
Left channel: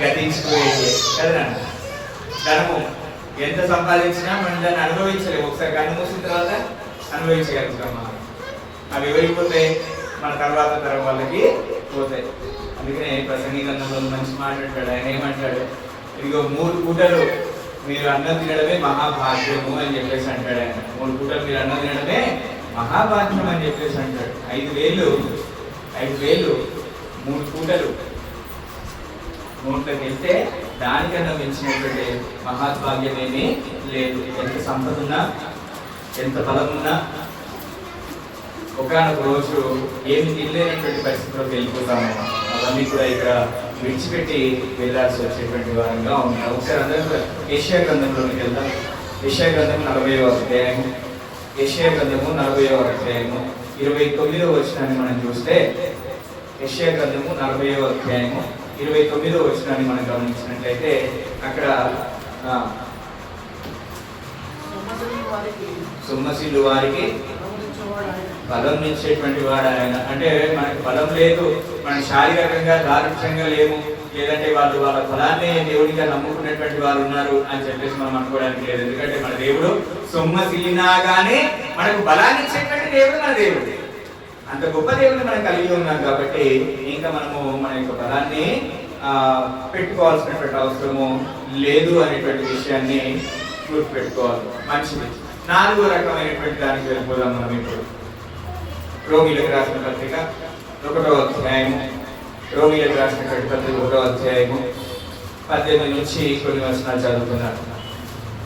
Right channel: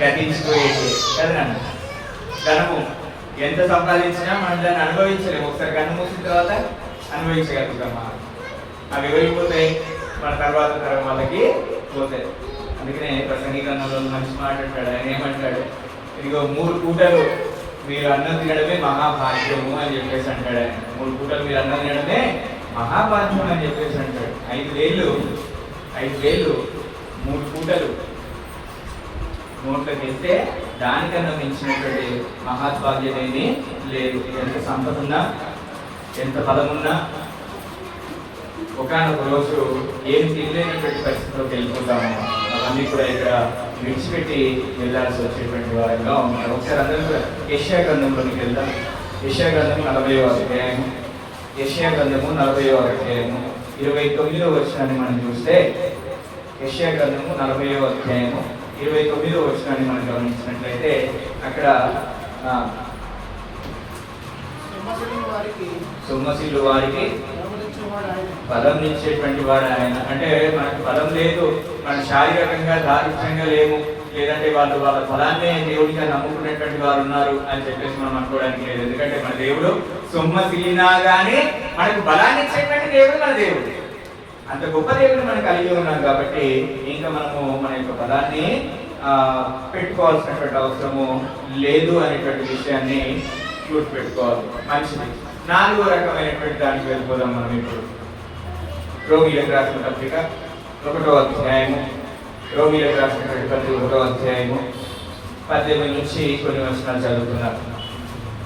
గతించిపోయేది కదా. ధనము ఎంత సంపాదించినా మనం దాన్ని అనుభవించలేము. ఒకసారి కన్ను మూసిన తర్వాత అనుభవించగలుగుతామా? అవి వెళ్ళిపోతాయి, మన తర్వాత తరం వాళ్ళకి పోతాయి. అందుకనే ప్రసంగి గ్రంథంలో మంచి మాట్లాడతాడు. ఆయన ఏమంటాడు, ఇదిగో 3 పూటలు మీరు అన్నం తినడమే మహాభాగ్యము అని చెప్పేసి అంటాడు ఆయన. 3 పూటలు మీరు అన్నం తినడమే మహాభాగ్యం అని చెప్పేసి అంటాడు. 5 వేలు 3 పూటలు నోట్లోకి వేస్తే దానికన్నా మించినటువంటి మహాభాగ్యం ఏమీ లేదు. ఎంత సంపద ఉన్నా, ఎంత బలం ఉన్నా ఒకనొక రోజు ఏమి తినలేనటువంటి పరిస్థితిలోకి వెళ్ళిపోతాము. అవన్నీ కూడా ఇక్కడ విడిచిపెట్టి వెళ్ళాల్సి వచ్చేటువంటి వారంగా ఉన్నారు. ఒకసారి అందరూ కూడా యెషయా గ్రంథంలోకి వెళ్దాం. యెషయా గ్రంథం 40వ అధ్యాయం. యెషయా గ్రంథము 40వ అధ్యాయము 29వ వచనాన్ని మనం చూస్తే, యెషయా గ్రంథము 40వ అధ్యాయము 29వ వచనాన్ని మనం గమనించినట్లయితే అక్కడ సొమ్మసిల్లు వారికి బలం ఇచ్చేటువంటి వాడు ఆయన. అంటే మనకు బలం లేదు, మన శారీరకంగా దారుణ్యంగా లేవు, లేదంటే వాళ్ళ బలాన్ని దేవుడిగా నమ్ముకునేటువంటి వారు ఉన్నారు అని చెప్పేసి మనం అనుకోవడానికి లేదు. ఎందుకంటే మన దేవుడు సొమ్మసిల్లినా కానీ మనకు బలాన్ని ఇచ్చేటువంటి దేవుడు మన దేవుడు. అంత గొప్ప దేవుడిని మనం కలిగి ఉన్నాం కాబట్టి ఇంకా మనము మన యొక్క బలాన్ని పెట్టుకోవాల్సినటువంటి అవసరము లేదు అనేటువంటి విషయాన్ని గుర్తుపెట్టుకోవాలి. మంచిది. 4వ రకమైనటువంటి దానికి వెళ్ళిపోదాం మనం ఇప్పుడు. రోమీలకు రాసిన పత్రిక 1వ అధ్యాయము. రోమీలకు రాసినటువంటి పత్రిక 1వ అధ్యాయము 18 నుంచి కొన్ని వచనాలు చదువుతున్నారు.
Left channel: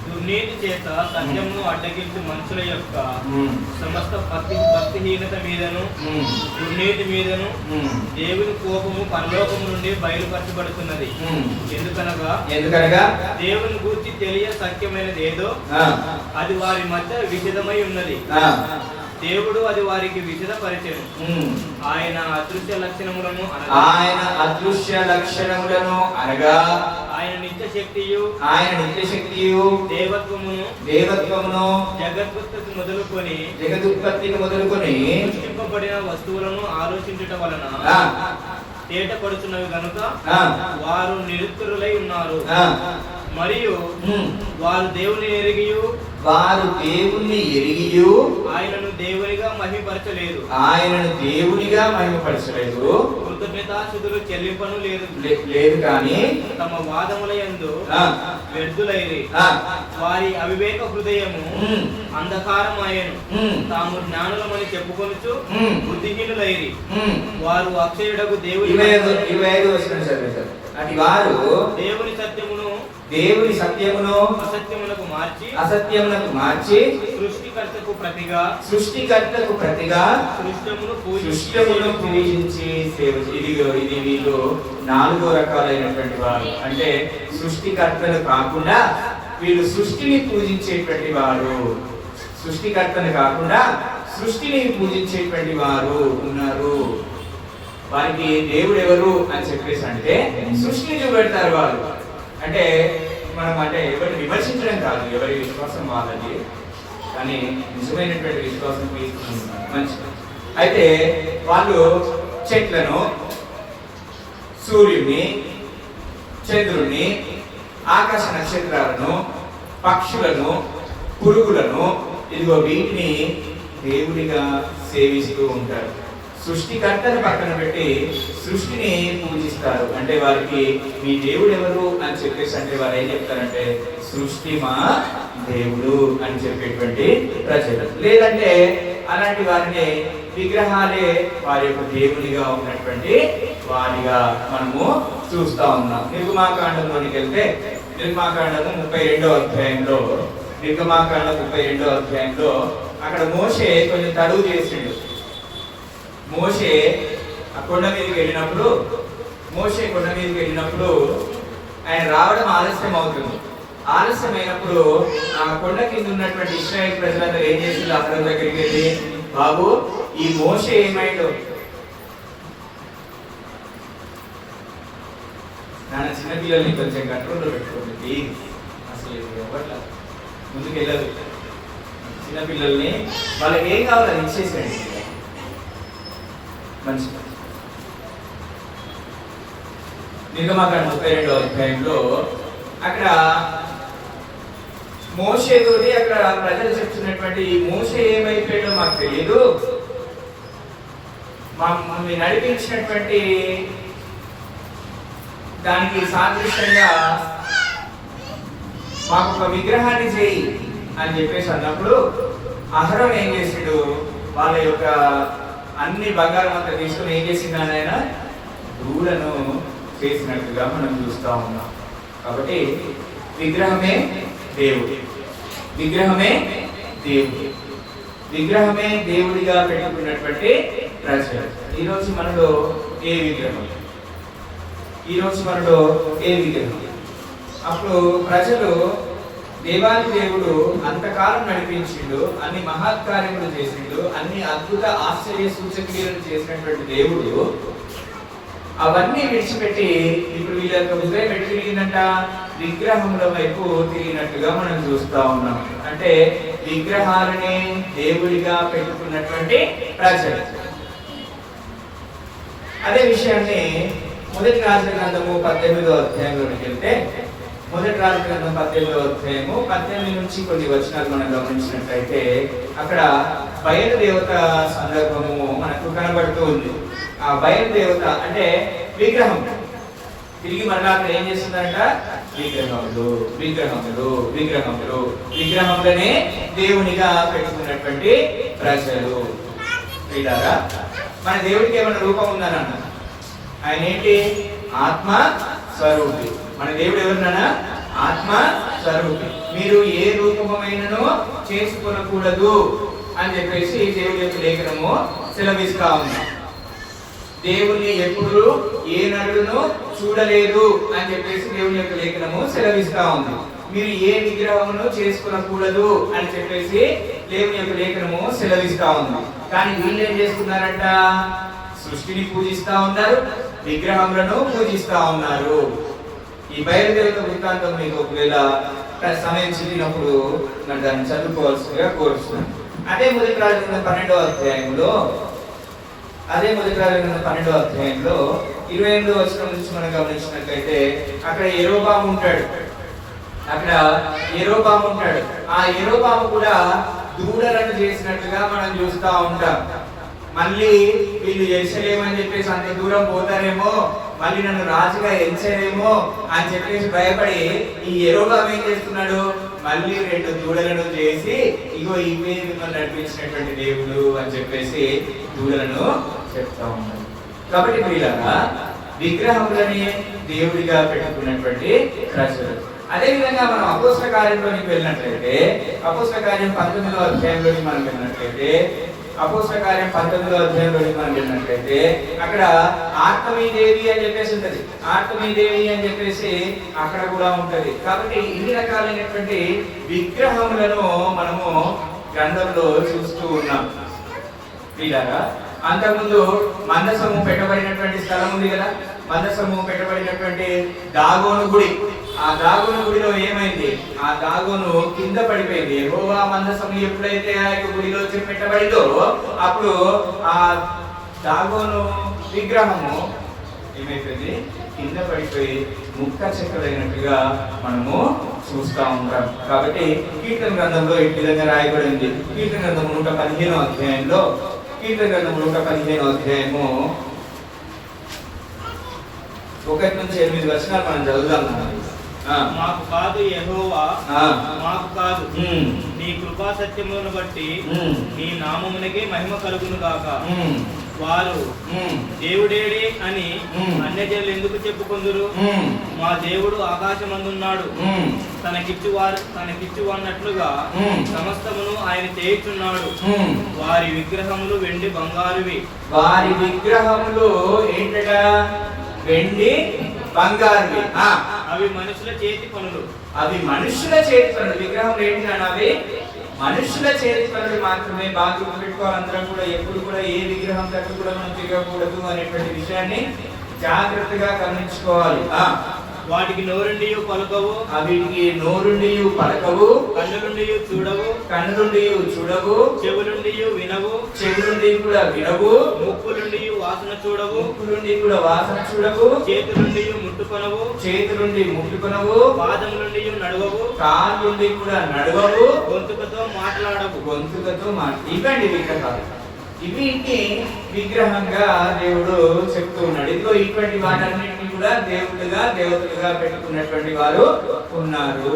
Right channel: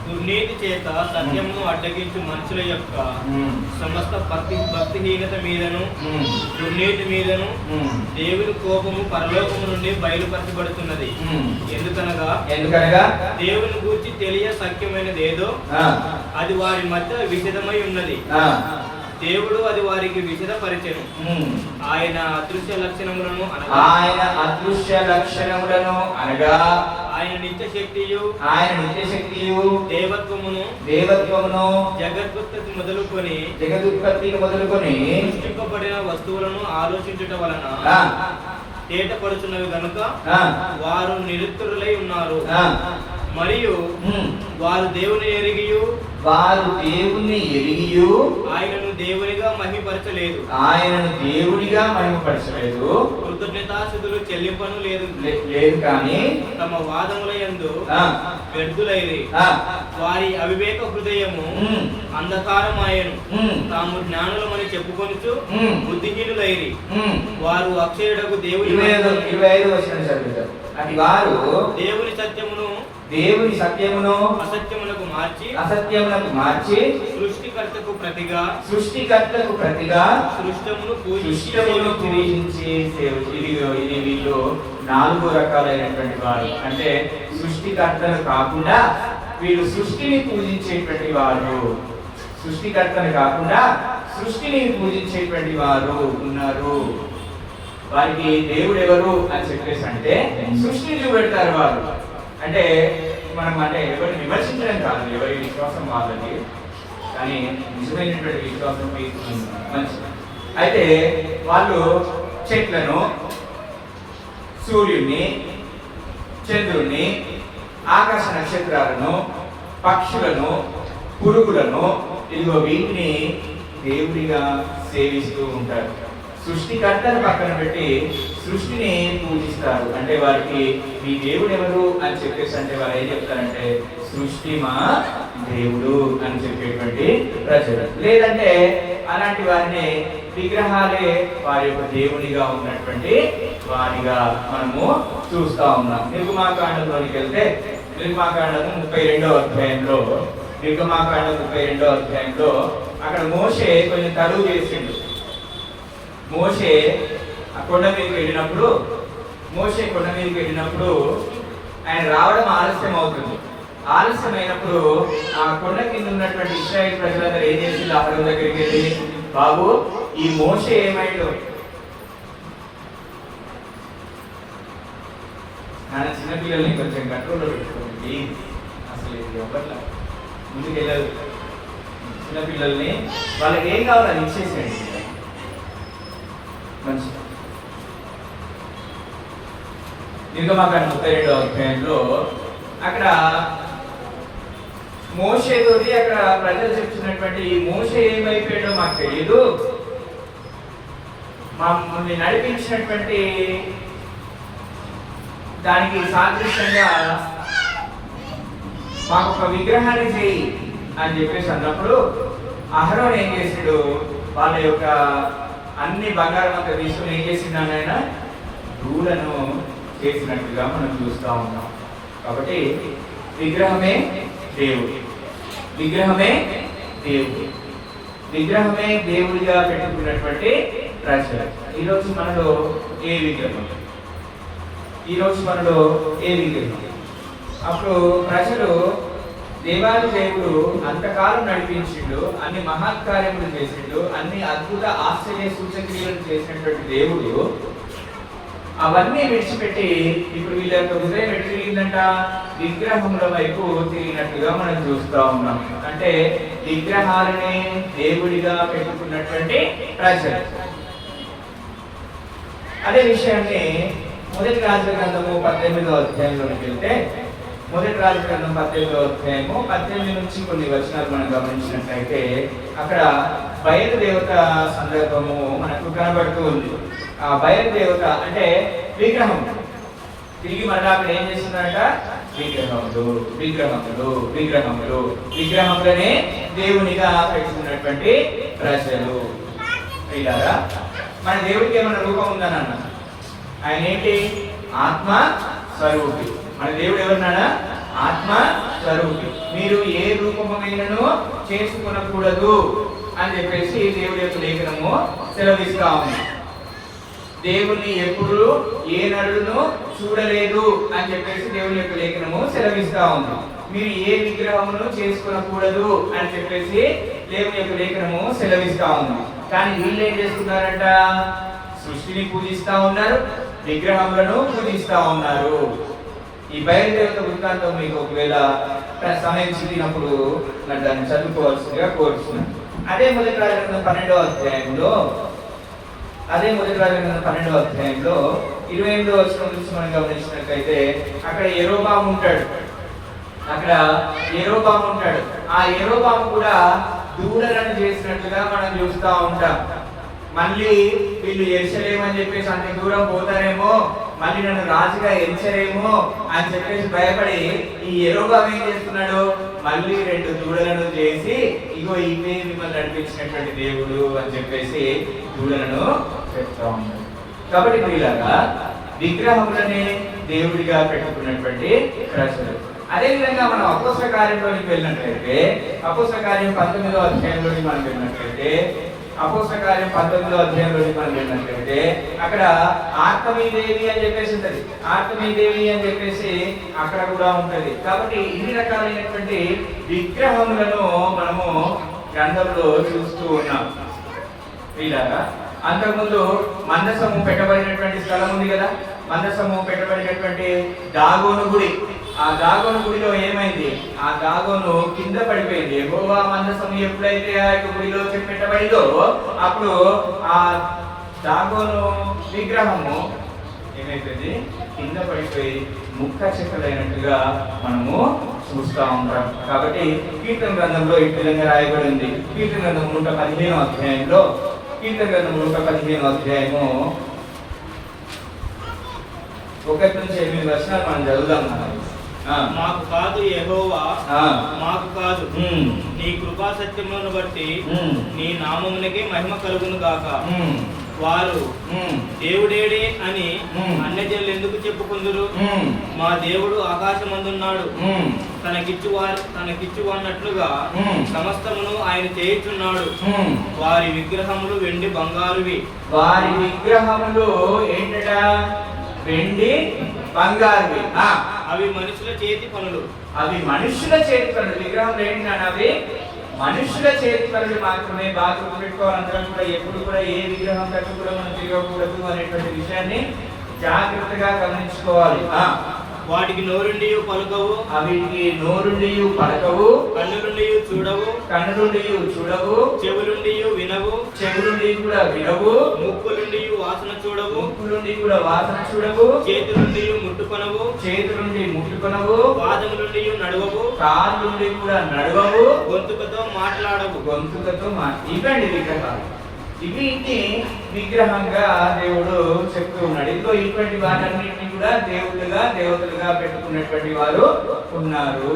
దుర్నీతి చేత సత్యమును అడ్డగించు మనుషుల యొక్క సమస్త భక్తిహీనత మీదను దుర్నీతి మీదను దేవుని కోపము పరలోకము నుండి బయలుపరచబడుతున్నది. ఎందుకనగా దేవుని గూర్చి తెలియ సత్యమైనది ఏదో అది వారి మధ్య విషదమై ఉన్నది. దేవుడు అది వారికి విషదపరిచెను. ఆయన అదృశ్య లక్షణములను అనగా ఆయన నిత్య శక్తియు దేవత్వమును జగదుత్పత్తికి మొదలుకొని సృష్టింపబడిన వస్తువులను ఆలోచించుట వలన తేటపడుచున్నవి గనుక వారు నిరుత్తరులై ఉన్నారు. మరియు వారు దేవుని ఎరిగియు ఆయనను దేవునిగా మహిమపరచలేదు. కృతజ్ఞతాస్తుతులు చెల్లింపను లేదు కానీ తమ వాదముల యందు వ్యర్థులైరి. వారి అవివేక హృదయము అంధకారమాయను. తాము జ్ఞానులమని చెప్పుకొనుచు బుద్ధిహీనులైరి. వారు అక్షరుడకు దేవుని అటు వారు దేవుని సత్యమును అసత్యములకు మార్చి సృష్టికర్తకు ప్రతిగా సృష్టమును పూజించి ఇది వీళ్ళు 4 రకాలైనటువంటి వారు. అంటే సృష్టికర్తను కాకుండా వీళ్ళు సృష్టిని పూజించేటువంటి వారు. సృష్టికర్తను కాకుండా సృష్టిని పూజించేటువంటి వారు ఉన్నారు. వారికి దేవుడు ఎవరు అని చెప్పేసి అంటే సృష్టిని చూపెడతారు వారు. అంటే మనం అంటే ఎవరిని విమర్శించడం కాదు, ఎవరి విశ్వాసం వాళ్ళది, కానీ నిజమైనటువంటి విశ్వాసం మంచిది. అయితే వాళ్ళు చెట్లను, సూర్యుడిని, చంద్రుడిని, ఆకాశ నక్షత్రాలను, పక్షులను, పురుగులను, ఇదిగో వీటిని దేవుడిగా సేవిస్తూ ఉంటారు. సృష్టికర్తను పక్కన పెట్టి సృష్టిని పూజిస్తారు. అంటే వారికి మీ దేవుడు ఎవరు అని చెప్పేసి అంటే వారు ఏం చెప్తారంటే సృష్టి మా దేవుడు అని చెప్పేటువంటి ప్రజలు. లేదంటే అలాంటి వారిని విగ్రహాలే వారి యొక్క దేవునిగా ఉన్నటువంటి వారిగా మనము చూస్తా ఉన్నాం. నిర్గమాకాండంలోనికి వెళ్తే నిర్గమాకాండం 32వ అధ్యాయంలో అక్కడ మోషే కొంచెం తడువు చేసిండు. మోషే కొండ మీదకి వెళ్ళినప్పుడు ఆయన రావడం ఆలస్యం అవుతుంది. ఆలస్యమైనప్పుడు ఆ కొండ కింద ఉన్నటువంటి ఇశ్రాయేలు ప్రజలందరూ ఏం చేసి అహరోను దగ్గరికి వెళ్ళి, బాబు ఈ మోషే ఏమైందో, నాన్న చిన్నపిల్లల్ని కొంచెం కంట్రోల్లో పెట్టుకోండి, అసలు ఎవరు ముందుకు వెళ్ళదు. చిన్నపిల్లల్ని వాళ్ళకి ఏం కావాలో అది ఇచ్చేసేయండి. నిర్గమాకాండం 32వ అధ్యాయంలో అక్కడ మోషేతోటి అక్కడ ప్రజలు చెప్తున్నటువంటి ఈ మోషే ఏమైపోయాడో మాకు తెలియదు, మమ్మల్ని నడిపించినటువంటి దానికి సాదృశ్యంగా మాకు ఒక విగ్రహాన్ని చేయి అని చెప్పేసి అన్నప్పుడు అహరోను ఏం చేసాడు, వాళ్ళ యొక్క అన్ని బంగారం అంతా తీసుకుని ఏం చేసినాడు, ఆయన ధూళను చేసినట్టుగా మనం చూస్తా ఉన్నాం. కాబట్టి విగ్రహమే దేవుడు, విగ్రహమే దేవుడిగా పెట్టుకున్నటువంటి ప్రజలు. ఈరోజు మనలో ఏ విగ్రహం? అప్పుడు ప్రజలు దేవాది దేవుడు అంతకాలం నడిపించిండు, అన్ని మహత్కార్యములు చేసిండు, అన్ని అద్భుత ఆశ్చర్య సూచక్రియలు చేసినటువంటి దేవుడు అవన్నీ విడిచిపెట్టి ఇప్పుడు వీళ్ళ యొక్క హృదయం ఎటు తిరిగిందంట, విగ్రహముల వైపు తిరిగినట్టుగా మనం చూస్తా ఉన్నాం. అంటే విగ్రహాలని దేవుడిగా పెట్టుకున్నటువంటి ప్రజలు. అదే విషయాన్ని మొదటి రాజుల గ్రంథము 18వ అధ్యాయంలోకి వెళ్తే, మొదటి రాజుల గ్రంథం 18వ అధ్యాయము 18 నుంచి కొన్ని వచనాలు మనం గమనించినట్లయితే అక్కడ బయలుదేవత సందర్భము మనకు కనబడుతూ ఉంది. ఆ బయలుదేవత అంటే విగ్రహం. తిరిగి మళ్ళీ అక్కడ ఏం చేస్తుందంట, విగ్రహములనే దేవునిగా పెట్టుకున్నటువంటి ప్రజలు. ఇలాగా మన దేవుడికి ఏమైనా రూపం ఉందన్న, ఆయన ఏంటి, ఆత్మ స్వరూపి. మన దేవుడు ఎవరినైనా ఆత్మ స్వరూపి. మీరు ఏ రూపమైనను చేసుకునకూడదు అని చెప్పేసి దేవుడి యొక్క లేఖనము సెలవిస్తా ఉంది. దేవుణ్ణి ఎప్పుడు ఏ నరుడును చూడలేదు అని చెప్పేసి దేవుని యొక్క లేఖనము సెలవిస్తా ఉంది. మీరు ఏ విగ్రహమును చేసుకునకూడదు అని చెప్పేసి దేవుని యొక్క లేఖనము సెలవిస్తా ఉంది. కానీ వీళ్ళు ఏం చేస్తున్నారంట, సృష్టిని పూజిస్తా ఉన్నారు, విగ్రహములను పూజిస్తా ఉన్నారు. ఈ బయలుదేవత వృత్తాంతం మీకు ఒకవేళ సమయం చిక్కినప్పుడు దాన్ని చదువుకోవాల్సిందిగా కోరుతున్నాను. అదే మొదటి రాజుల 12వ అధ్యాయంలో 28వ వచనం నుంచి మనం గమనించినట్లయితే అక్కడ యెరోబాము ఉంటాడు. ఆ యెరోబాము కూడా దూడలను చేసినట్టుగా మనం చూస్తా ఉంటాం. మళ్ళీ వీళ్ళు ఎచ్చలేమని చెప్పేసి అంత దూరం పోతారేమో, మళ్ళీ నన్ను రాజుగా ఎంచరేమో అని చెప్పేసి భయపడి ఈ యెరోబాము ఏం చేస్తున్నాడు, మళ్ళీ 2 దూడలను చేసి ఇగో ఇవే మిమ్మల్ని నడిపించినటువంటి దేవుడు అని చెప్పేసి దూడలను చెప్తా ఉన్నాడు. కాబట్టి వీళ్ళగా విగ్రహములని దేవుడిగా పెట్టుకున్నటువంటి ప్రజలు. అదేవిధంగా మనం అపోస్తల కార్యంలోనికి వెళ్ళినట్లయితే అపోస్తల కార్యం 19వ అధ్యాయంలోకి మనం వెళ్ళినట్లయితే అక్కడ ఆర్తమీదేవి అని చెప్పేసి ఉంటది. ఆర్తమీదేవి అని చెప్పేసి అక్కడ కూడా ఉంటది. కాబట్టి ఇన్ని రకాలైనటువంటి విగ్రహములను మనము గ్రంథంలో చూస్తూ ఉన్నాం. ఇలాగా అంతకుముందు మందసము పెట్టబడినటువంటి స్థలం ఉంది కదా, మందసము పెట్టబడినటువంటి దాగోను గుడి. ఆ దాగోను గుడిలో ఏమైంది? ఆ దాగోను కింద పడిపోయింది. యెహోవా మందసము ఎప్పుడైతే ఆ యొక్క గుడిలో పెట్టబడిందో అప్పుడు ఆ దాగోను విగ్రహము ఏమైపోయింది? కింద పడిపోయి ముక్క చెక్కలైనట్టుగా మనము చూస్తూ ఉంటాం. కాబట్టి కీర్తన గ్రంథంలో ఈ విధంగా రాయబడింది. కీర్తన గ్రంథం 115వ అధ్యాయంలో కీర్తన గ్రంథం 115వ అధ్యాయము 1 నుంచి 8 వచనాలు మనం చదువుదాం. మాకు కాదు యెహోవా, మాకు కాదు, నీ కృపా సత్యమును బట్టి నీ నామమునకే మహిమ కలుగును గాక. వారు దేవుడేడే అని అన్యజనులు ఎందుకు చెప్పుకుందురు? మా దేవుడు ఆకాశమందున్నాడు, తనకిచ్చు అన్నట్లుగా సమస్తమును ఆయన చేయుచున్నాడు. వారి విగ్రహములు వెండి బంగారువి. వారి విగ్రహములు ఏంటట? వెండి బంగారువి. అవి మనుషుల చేతి పనులు. అవి మనుషుల చేతి పనులు. విగ్రహం ఏంటంటే అవి మనుషుల చేతి పనులు మాత్రమే. బాగా గుర్తుపెట్టుకోవాలి అందరం కూడా. ఎప్పుడు కూడా ఏ విగ్రహం దగ్గర కూడా మనం తిరగకూడదు అనేటువంటి విషయాన్ని జాగ్రత్తగా గమనించుకోవాలి. వాటికి నోరుండి పలుకవు, వీటికి నోరుండి పలకవు, కన్నులుండి చూడవు, చెవులుండి వినవు, చెవులుండి కూడా వినవు, ముక్కులుండి వాసన చూడవు, చేతులుండి ముట్టుకొనవు, పాదములుండి నడవవు, కాళ్ళుండి కూడా నడవవు, గొంతుకతో మాట్లాడవు. ఇవ్వండి విగ్రహాలు. వీటిని విగ్రహంగా దేవుడు చెప్తూ ఉన్నాడు. ఇదిగో ఇటువంటి వాటన్నిటిని కూడా దేవుళ్ళుగా దేవతలుగా పెట్టుకున్నటువంటి వారు ఉన్నారు.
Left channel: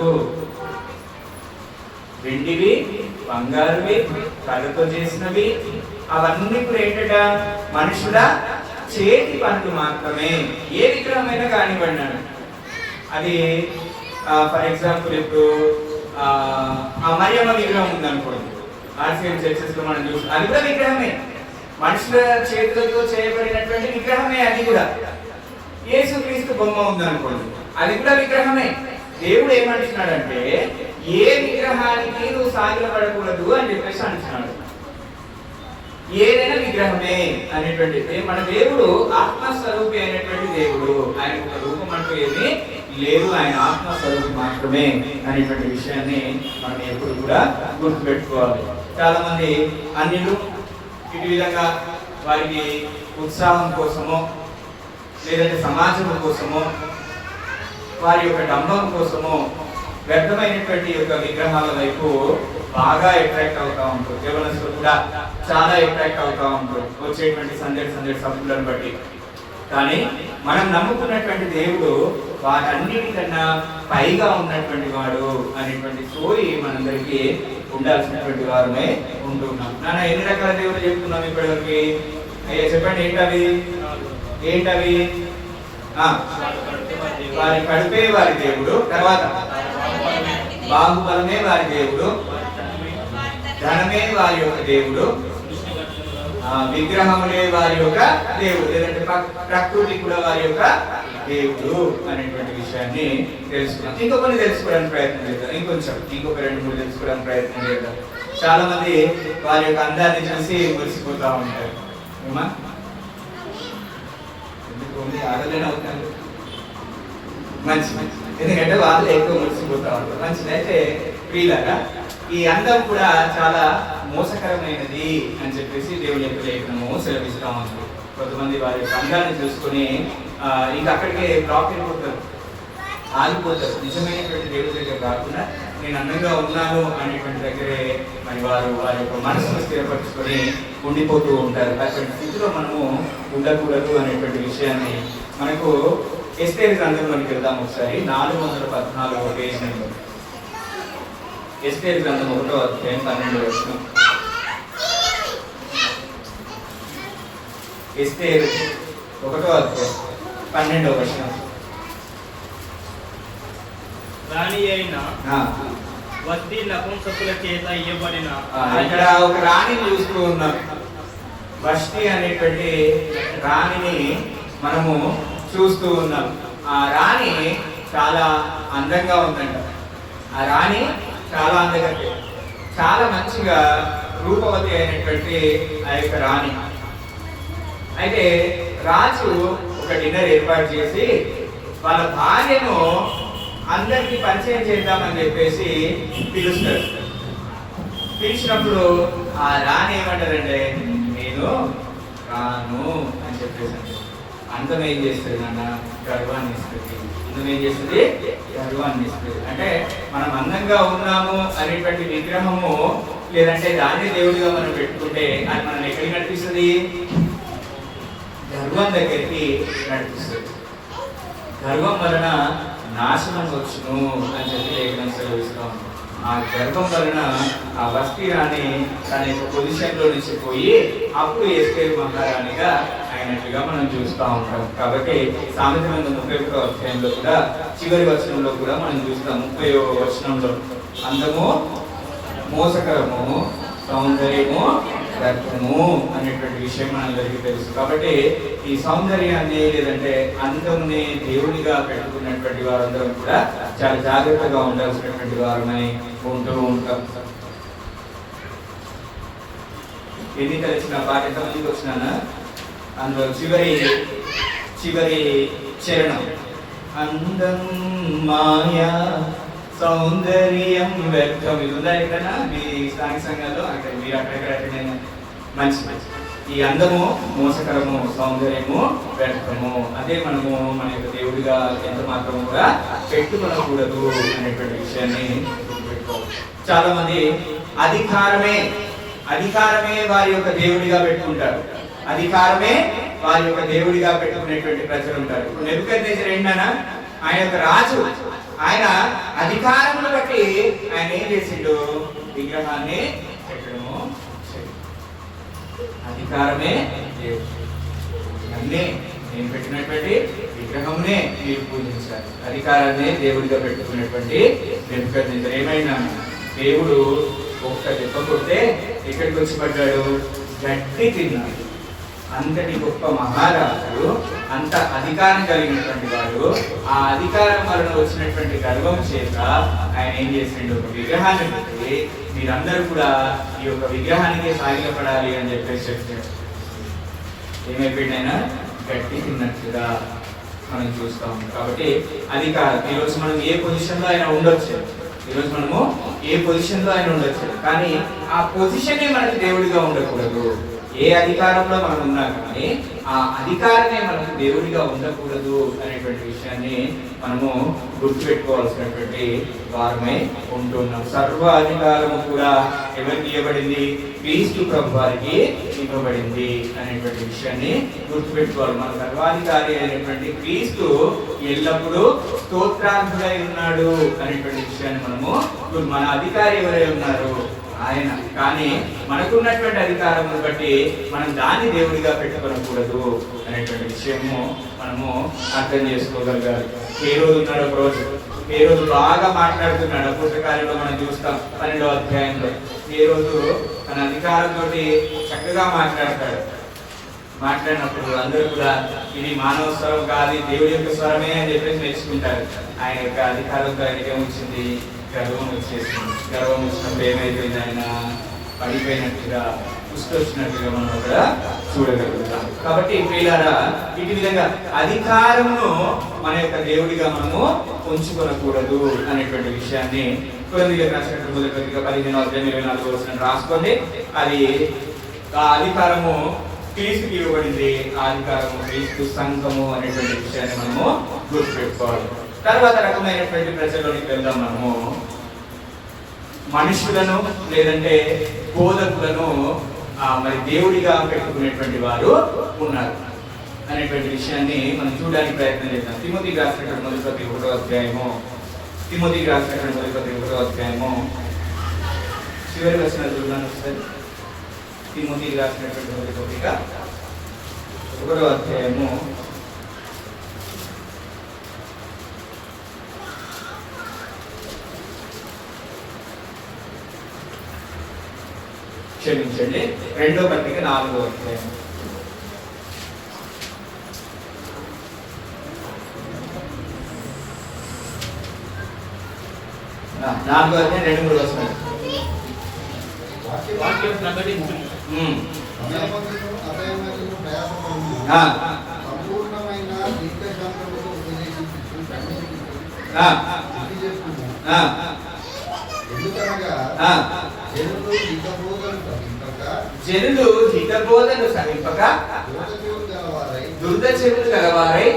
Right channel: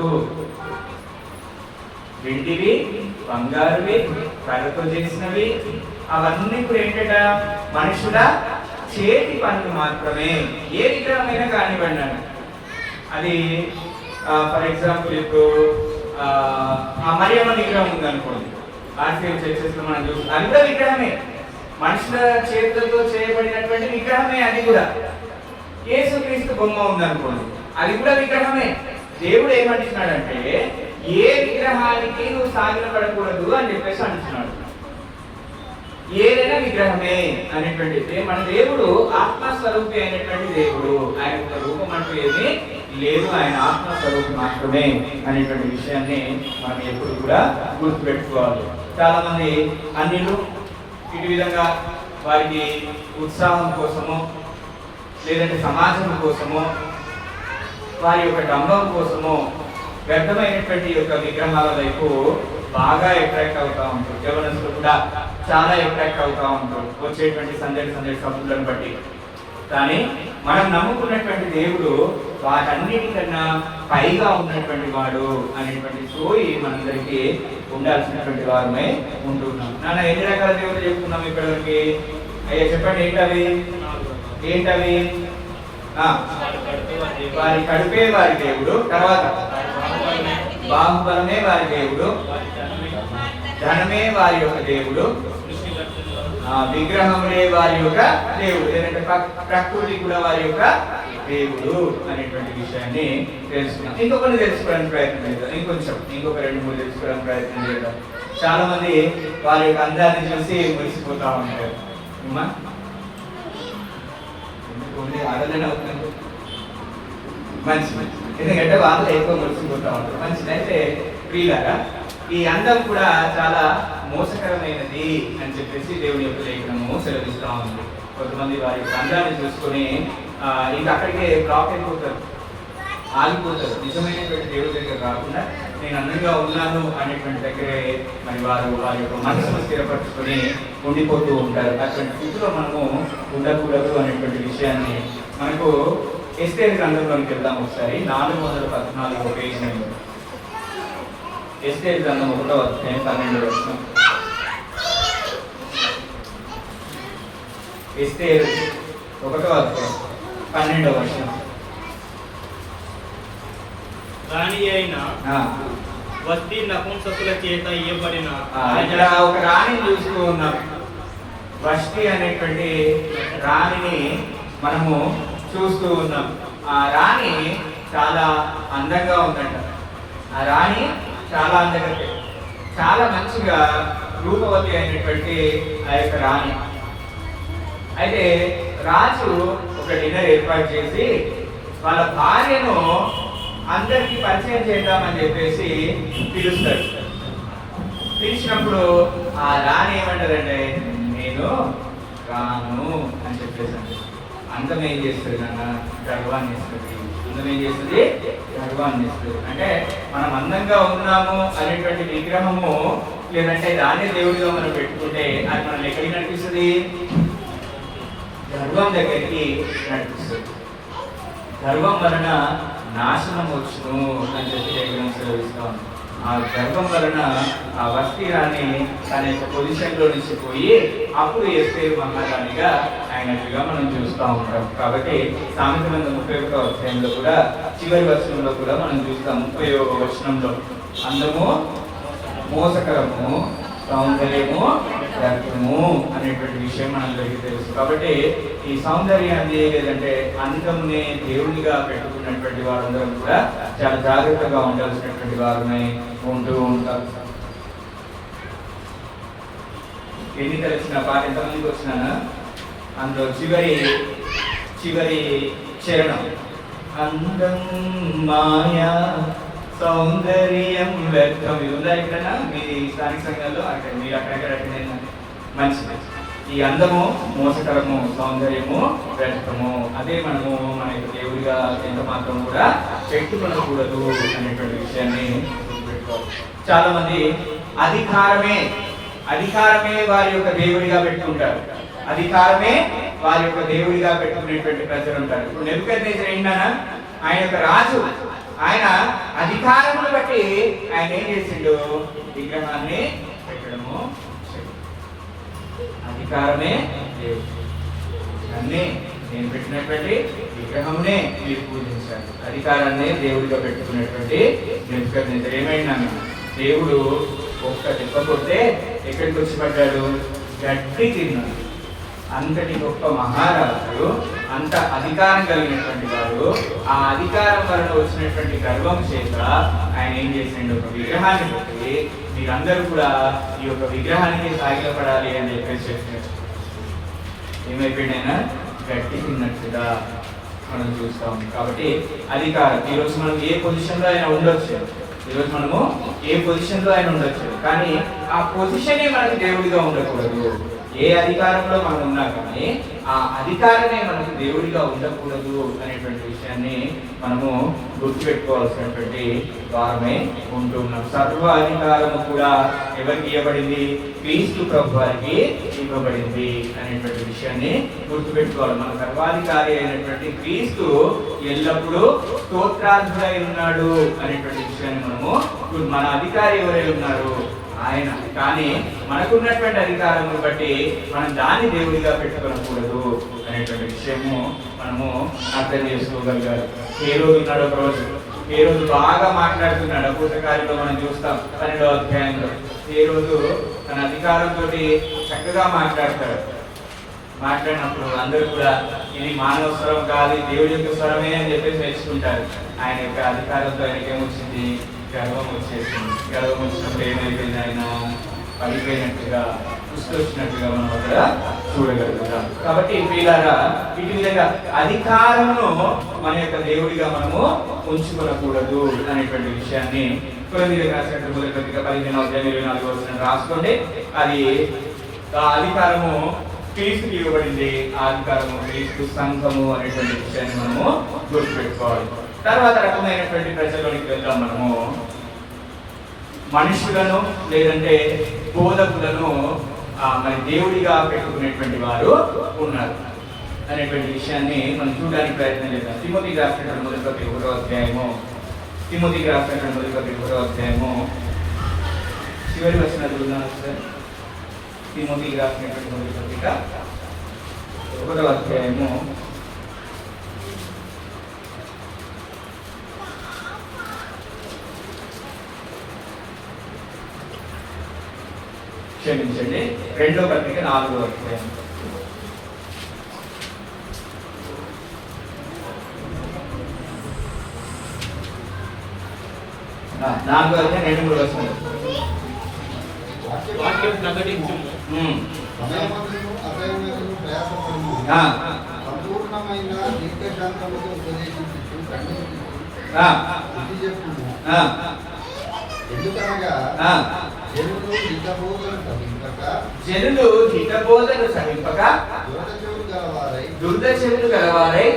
వెండివి, బంగారువి, కళ్ళతో చేసినవి, అవన్నీ కూడా ఏంటట? మనుషుల చేతి పనులు మాత్రమే. ఏ విగ్రహమైనా కానివ్వండి. అది ఫర్ ఎగ్జాంపుల్ ఇప్పుడు ఆ మరియమ్మ విగ్రహం ఉందనుకోండి, ఆర్సీఎం చర్చెస్ లో మనం చూస్తాం. అది కూడా విగ్రహమే, మనుషుల చేతులతో చేయబడినటువంటి విగ్రహమే. అది కూడా యేసుక్రీస్తు బొమ్మ ఉందనుకోండి, అది కూడా విగ్రహమే. దేవుడు ఏమంటున్నాడంటే ఏ విగ్రహానికి నువ్వు సాగిలపడకూడదు అని చెప్పేసి అంటున్నాడు. ఏదైనా విగ్రహమే అనేటువంటిది. మన దేవుడు ఆత్మస్వరూపి అయినటువంటి దేవుడు. ఆయన ఒక రూపం అంటూ ఏమీ లేదు, ఆయన ఆత్మస్వరూపం మాత్రమే అనేటువంటి విషయాన్ని మనం ఎప్పుడు కూడా గుర్తుపెట్టుకోవాలి. చాలా మంది అన్యులు ఇటు విధంగా వారికి ఉత్సాహం కోసమో లేదంటే సమాజం కోసమో వారి యొక్క డంబం కోసమో వ్యర్థమైనటువంటి యొక్క విగ్రహాల వైపు బాగా అట్రాక్ట్ అవుతా ఉంటారు. యవనస్తులు కూడా చాలా అట్రాక్ట్ అవుతా ఉంటారు వచ్చేటువంటి సందడి సభలను బట్టి. కానీ మనం నమ్ముకున్నటువంటి దేవుడు వాటన్నిటికన్నా పైగా ఉన్నటువంటి వాడు అనేటువంటి సోయి మనందరికీ ఉండాల్సినటువంటి వారమే ఉంటున్నాం. నాన్న ఎన్ని రకాల దేవుడు చెప్తున్నాం ఇప్పటివరకు? అయ్యా చెప్పండి, ఏంటవి? వారి కడుపే వారి దేవుడు, తర్వాత బాహుబలమే వారి దేవుడు, ధనమే వారి యొక్క దేవుడు, విగ్రహములే వారి యొక్క దేవుడు, లేదంటే ప్రకృతి కూడా వారి యొక్క దేవుడు అనేటువంటి విషయాన్ని తెలుసుకున్నాం. ఇంకొకరిని తెలుసుకోవడానికి ప్రయత్నం చేద్దాం. ఇంకొక 2-3 తెలుసుకోవడానికి ప్రయత్నం చేద్దాం. చాలా మంది వారి యొక్క అందాన్ని చూసి మురిసిపోతా ఉంటారు. ఆడలేని అవుతారు మంచిది, ఎందుకంటే వాళ్ళు ఎక్కువ మురిసిపోతా ఉంటారు. మంచిదైతే ప్రియులారా, ఈ అందం కూడా చాలా మోసకరమైనది అని చెప్పేసి దేవుని యొక్క లేఖనము సెలవిస్తూ ఉంది. కొంతమంది వారి యొక్క అందాన్ని చూసుకొని ఇంకా అక్కడికే బ్లాక్ అయిపోతారు, ఆగిపోతారు. నిజమైనటువంటి దేవుడి దగ్గర కాకుండా నేను అందంగా ఉన్నాను అనేటువంటి దగ్గరే మరి వారి యొక్క మనసును స్థిరపరచుకొని ఉండిపోతూ ఉంటారు. అటువంటి స్థితిలో మనము ఉండకూడదు అనేటువంటి విషయాన్ని మనకు ఎస్తేరు గ్రంథంలోకి వెళ్దాం. ఒకసారి 414 పేజీ నెంబర్. ఎస్తేరు గ్రంథం 1వ అధ్యాయం 12వ వచనం. ఎస్తేరు 1వ అధ్యాయం 12వ వచనం. రాణి అయిన వస్తీ నపుంసకుల చేత ఇవ్వబడిన ఇక్కడ ఒక రాణిని చూస్తూ ఉన్నాం. వష్టి అనేటువంటి రాణిని మనము చూస్తూ ఉన్నాం. ఆ రాణి చాలా అందంగా ఉందంట. ఆ రాణి చాలా అందంగా, చాలా మంచిగా రూపవతి అయినటువంటి ఆ యొక్క రాణి. అయితే రాజు ఒక డిన్నర్ ఏర్పాటు చేసి వాళ్ళ భార్యను అందరికీ పరిచయం చేద్దామని చెప్పేసి పిలుస్తాడు. పిలిచినప్పుడు ఆ రాణి ఏమంటారంటే, నేను రాను అని చెప్పేసి. అందం ఏం చేస్తుంది అన్న? గర్వాన్ని ఇస్తుంది. అందం ఏం చేస్తుంది? గర్వాన్ని ఇస్తుంది. అంటే మనం అందంగా ఉన్నాము అనేటువంటి విగ్రహము లేదంటే దాన్ని దేవుడిగా మనం పెట్టుకుంటే అది మనం ఎక్కడికి నడిపిస్తుంది? గర్వం దగ్గరికి నడిపిస్తుంది. గర్వం వలన నాశనం వచ్చును అని చెప్పి లేఖనం సెలవిస్తాం. ఆ గర్వం వలన ఆ వస్తీ రాణి తన యొక్క పొజిషన్లో నుంచి పోయి అప్పుడు ఎస్తేరు మహారాణిగా అయినట్టుగా మనం చూస్తూ ఉంటాం. కాబట్టి సామెతల 31వ అధ్యాయంలో కూడా చివరి వచనంలో కూడా మనం చూస్తాం. 30వ వచనంలో అందము మోసకరము, సౌందర్యము వ్యర్థము అనేటువంటి విషయం మనందరికీ తెలుసు. కాబట్టి ఈ సౌందర్యాన్ని లేదంటే అందముని దేవునిగా పెట్టుకున్నటువంటి వారందరూ కూడా చాలా జాగ్రత్తగా ఉండాల్సినటువంటి వారిని ఉంటూ ఉంటారు. ఎన్నికలు వచ్చిన పాట ఎంతమందికి వచ్చినా అందులో చివరి చరణం అందం మాయా సౌందర్యం వ్యర్థం. ఇది ఉందా ఎక్కడన్నా మీ స్థానిక సంఘాల్లో? అక్కడ మీరు అక్కడక్కడ మంచిది. ఈ అందము మోసకరము, సౌందర్యము వ్యర్థము. అదే మనము మన యొక్క దేవుడిగా ఎంత మాత్రం కూడా పెట్టుకోకూడదు అనేటువంటి విషయాన్ని చాలా మంది అధికారమే వారి యొక్క దేవుడిగా పెట్టుకుంటారు. అధికారమే వారి యొక్క దేవుడిగా పెట్టుకునేటువంటి ప్రజలు ఉంటారు. నెబుకద్నెజరు ఏంటన్నా? ఆయన యొక్క రాజు. ఆయన అధికారమును బట్టి ఆయన ఏం చేసిండు? విగ్రహాన్ని పెట్టడము. అధికారమే దేవుడు. అన్నీ నేను పెట్టినటువంటి విగ్రహమునే మీరు పూజించారు. అధికారాన్ని దేవుడిగా పెట్టుకునేటువంటి నెబుకద్నెజరు ఏమైనా దేవుడు ఒక్క దెబ్బ కొడితే ఎక్కడికి వచ్చి పడ్డాడు? గడ్డి తిన్నాడు. అంతటి గొప్ప మహారాజు, అంత అధికారం కలిగినటువంటి వాడు, ఆ అధికారం వలన వచ్చినటువంటి గర్వం చేత ఆయన ఏం చేసిండు? ఒక విగ్రహాన్ని పెట్టి మీరందరూ కూడా ఈ యొక్క విగ్రహానికి సాగిలపడాలి అని చెప్పేసి చెప్పారు. ఏమైపోయినైనా గట్టి తిన్నట్టుగా మనం చూస్తాం. కాబట్టి అధికారం ఈరోజు మనం ఏ పొజిషన్లో అయినా ఉండొచ్చు. ఈరోజు మనము ఏ పొజిషన్లో అయినా ఉండొచ్చు. కానీ ఆ పొజిషనే మనకి దేవుడిగా ఉండకూడదు. ఏ అధికారంలో మనం ఉన్నా కానీ ఆ అధికారమే మనకు దేవుడిగా ఉండకూడదు అనేటువంటి విషయాన్ని మనము గుర్తుపెట్టుకోవాల్సినటువంటి వారమే ఉంటున్నాం. సర్వ అధికారము కూడా ఎవరికి ఇవ్వబడింది? క్రీస్తు ప్రభువారికి ఇవ్వబడింది అనేటువంటి విషయాన్ని గుర్తుపెట్టుకోవాలి. మన సర్వాధికారి అయినటువంటి క్రీస్తు ఎల్లప్పుడూ స్తోత్రార్హుడై ఉన్నాడు అనేటువంటి విషయాన్ని మనము, మన అధికారి ఎవరై ఉన్నారు? ఆయన. కానీ మనకున్నటువంటి అధికారమును బట్టి మనం దాన్ని దేవుడిగా పెట్టుకోకూడదు అనేటువంటి విషయము మనము అర్థం చేసుకోగలగాలి. ఏ రోజు ఉన్నాడు? ఒక రోజు ఏ రోజు బాగా మాట్లాడుతున్నాడు. పుస్తకాలలో మనం చూస్తాం 12వ అధ్యాయంలో. ఏ రోజు తన అధికారంతో చక్కగా మాట్లాడతాడు. మాట్లాడినప్పుడు అందరూ కూడా ఇది మానవ స్వరం కాదు, దేవుడి యొక్క స్వరమే అని చెప్పేసి నేర్చుకుంటారు. ఆయన యొక్క అధికారంతో ఆయనకి ఏమొచ్చింది? గర్వం వచ్చేసింది. గర్వం వచ్చినప్పుడు ఏమైపోయింది? ఆయన పడిపోయినట్టుగా, పుష్కొచ్చినట్టుగా మనం కూడా చూడగలుగుతాం. కాబట్టి ప్రియులారా, ఇటు విధంగా అధికారమును మన యొక్క దేవుడిగా మనము ఉంచుకోకూడదు అనేటువంటి విషయాన్ని కొరింథీయులకు రాసినటువంటి మొదటి పత్రిక 15వ అధ్యాయం 24వ వచనం రాసుకోండి. అది ఆ అధికారము క్రీస్తుకి ఇవ్వబడింది. ఆ అధికారము క్రీస్తు సంఘము అనేటువంటి విషయాన్ని మనము గుర్తుపెట్టుకోవాలి. తర్వాత రకమైనటువంటి ప్రజల్లోనికి వెళ్దాం. మనము మనుషులను లేదంటే బోధకులను మరి దేవుడిగా పెట్టుకునేటువంటి వారు ఉన్నారు అనేటువంటి విషయాన్ని మనం చూడడానికి ప్రయత్నం చేద్దాం. తిమోతికి రాసినటువంటి మొదటి పత్రిక 1వ అధ్యాయము చివరి వచనాలు చూద్దాం ఒకసారి. తిమోతికి రాసినటువంటి మొదటి పత్రిక 1వ అధ్యాయము క్షమించండి, 2వ పత్రిక 4వ అధ్యాయం. 4వ అధ్యాయం 2-3 వచనాలు. వాక్యం ప్రకటించు. సంపూర్ణమైన దీర్ఘశాంతముతో ఉపదేశించుచు ఎందుకనగా జనులు హితబోధను సహింపక దుర్ద చెవులు గలవారై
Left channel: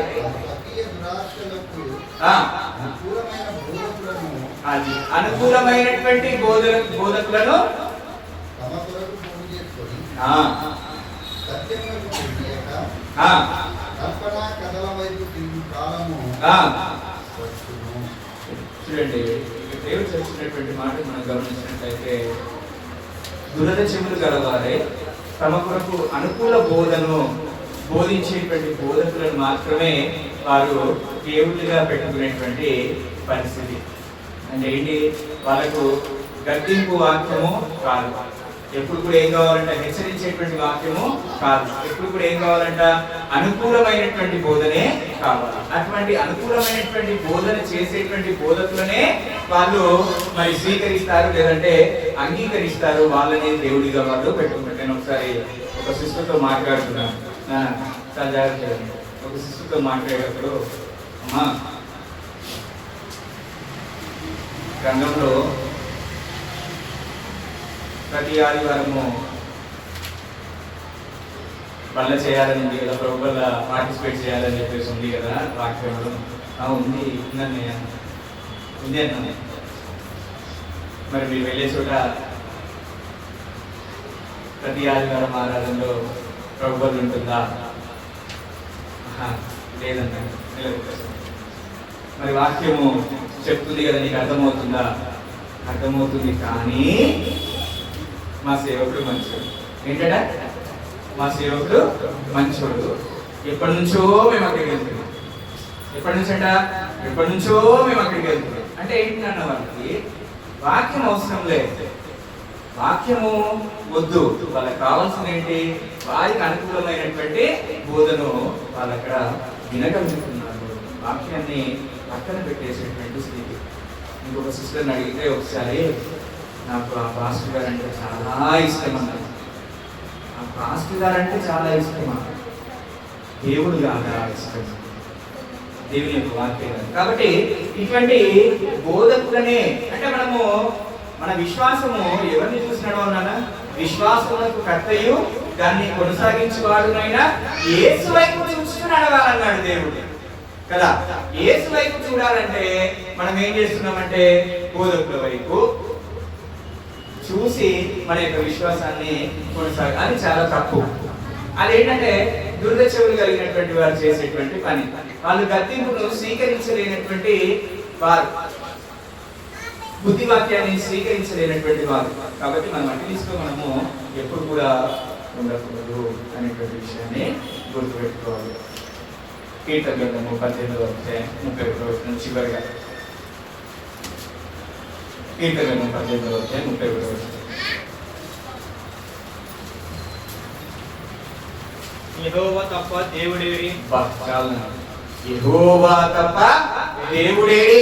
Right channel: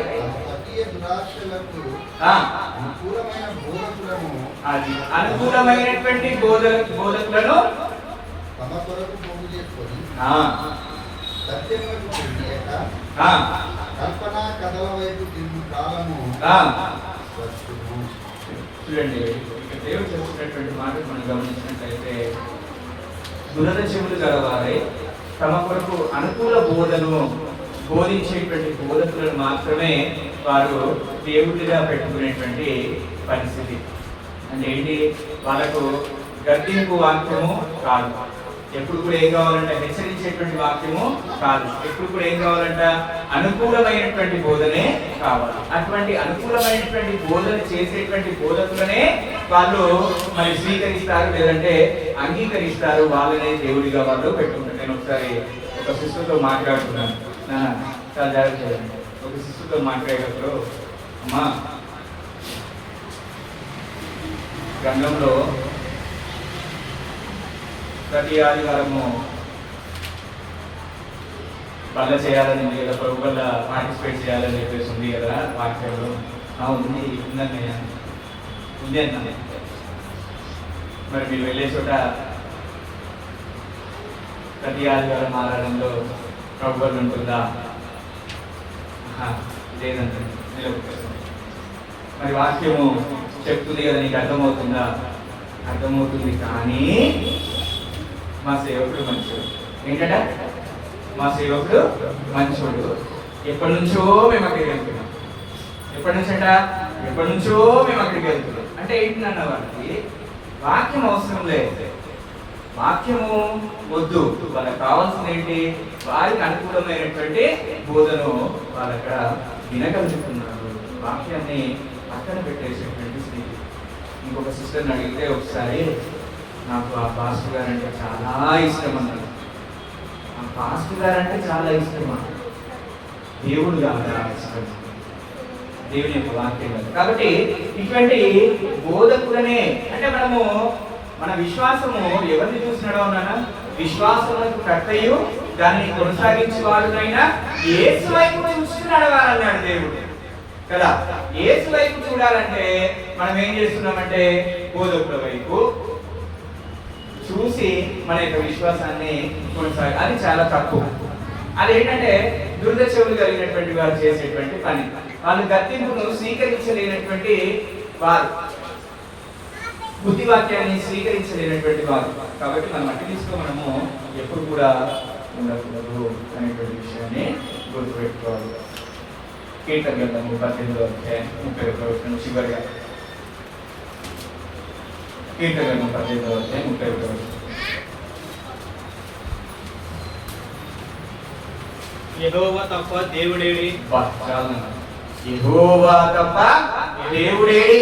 అనుకూలమైనటువంటి బోధకులను తమ కొరకు పోగు చేసుకొని కల్పనా కథల వైపు తిరిగి కాలము చూడండి, దేవుడు చెప్తున్నటువంటి మాట మనం గమనించినట్లయితే, దురద చెవులు గలవారే తమ కొరకు అనుకూల బోధను బోధించేటువంటి బోధకులను మాత్రమే వారు దేవుడిగా పెట్టుకునేటువంటి పరిస్థితి. అంటే ఏంటి, వాళ్ళకు గద్దింపు వాక్యము కాదు, ఎప్పుడు కూడా ఏం కావాలంట, హెచ్చరించేటువంటి వాక్యము కాదు, ఎప్పుడు కూడా ఏం కావాలంట, అనుకూలమైనటువంటి బోధనే కావాలి. అటువంటి అనుకూలమైనటువంటి బోధన చేసేటువంటి బోధకులనే వాళ్ళు మరి స్వీకరిస్తారు, లేదంటే అంగీకరిస్తారు, వాళ్ళనే దేవుడిగా వాళ్ళు పెట్టుకుంటారు. నేను ఒకసారి ఒక సిస్టర్తో మాట్లాడుతున్నాను, చాలా జాగ్రత్త. ఒక సిస్టర్తో మాట్లాడేటప్పుడు, అమ్మా గ్రంథంలో ప్రతి ఆదివారము బల్ల చేయాలని ఉంది కదా, ప్రభు వల్ల పార్టిసిపేట్ చేయాలని చెప్పేసి ఉంది కదా వాక్యంలో. ఉంది, ఉంది అన్నాను. మరి మీరు వెళ్ళే చోట ప్రతి ఆదివారం ఆరాధనలో ప్రభు వల్ల ఉంటుందా? లేదంటే మరి వాక్యము చెప్తుంది కదా, నీకు అర్థమవుతుందా? అర్థమవుతుంది, కానీ మా సేవకుడు మంచోడు. ఏంటంటే మా సేవకుడు మంచోడు, ఎప్పటి నుంచో మేము అక్కడికి వెళ్తున్నాం. ఎప్పటి నుంచి అంట, ఎప్పటి నుంచో మేము అక్కడికి వెళ్తున్నాం. అంటే ఏంటన్న, వాళ్ళకి వాక్యం అవసరం లేదు, వాక్యము వద్దు, వాళ్ళకి కావాల్సింది ఏంటి, వారికి అనుకూలమైనటువంటి బోధను వాళ్ళు అక్కడ వినగలుగుతున్నారు. వాక్యాన్ని పక్కన పెట్టేసేటువంటి స్థితి. ఇంకొక సిస్టర్ని అడిగితే ఒకసారి, నాకు ఆ పాస్టర్ గారు అంటే చాలా ఇష్టం అన్నది. ఆ పాస్టర్ గారు అంటే చాలా ఇష్టం, దేవుడు కాదు ఇష్టం, దేవుని యొక్క వాక్యం కాదు. కాబట్టి ఇటువంటి బోధకులనే, అంటే మనము మన విశ్వాసము ఎవరిని చూసి నడవాలన్నా, విశ్వాసములకు కర్తయు దాన్ని కొనసాగించేవాడునైనా యేసు వైపు చూసి నడవాలన్నాడు దేవుడు కదా. యేసు వైపు చూడాలంటే మనం ఏం చేస్తున్నామంటే, బోధకుల వైపు చూసి మన యొక్క విశ్వాసాన్ని కొనసాగి, అది చాలా తప్పు. అదేంటంటే దుర్ద చెవులు కలిగినటువంటి వారు చేసేటువంటి పని. వాళ్ళు గద్దింపును స్వీకరించలేనటువంటి వారు, బుద్ధివాక్యాన్ని స్వీకరించలేనటువంటి వారు. కాబట్టి మనం అట్టిస్తూ మనము ఎప్పుడు కూడా ఉండకూడదు అనేటువంటి విషయాన్ని గుర్తుపెట్టుకోవాలి. కీర్తన గ్రంథము 18వ అధ్యాయం 31వ వచనం చివరిగా. కీర్తన గ్రంథం 18వ అధ్యాయం 31వ వచనం. యెహోవా తప్ప దేవుడేడి. యెహోవా తప్ప దేవుడేడి.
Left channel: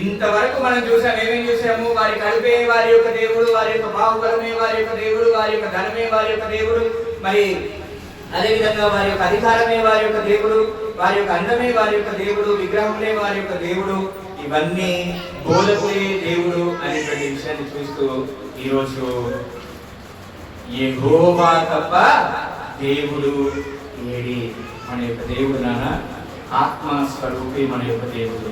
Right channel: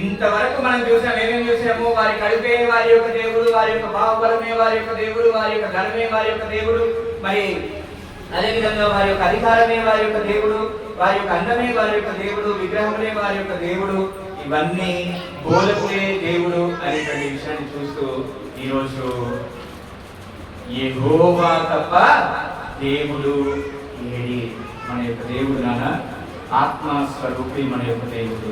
ఇంతవరకు మనం చూసాం, ఏమేం చూసాము, వారి కడుపే వారి యొక్క దేవుడు, వారి యొక్క బాహుబలమే వారి యొక్క దేవుడు, వారి యొక్క ధనమే వారి యొక్క దేవుడు, మరి అదేవిధంగా వారి యొక్క అధికారమే వారి యొక్క దేవుడు, వారి యొక్క అందమే వారి యొక్క దేవుడు, విగ్రహములే వారి యొక్క దేవుడు, ఇవన్నీ బోధకులే దేవుడు అనేటువంటి విషయాన్ని చూస్తూ ఈరోజు యెహోవా తప్ప దేవుడు ఏడి. మన యొక్క దేవుడు నాన్న ఆత్మస్వరూపి, మన యొక్క దేవుడు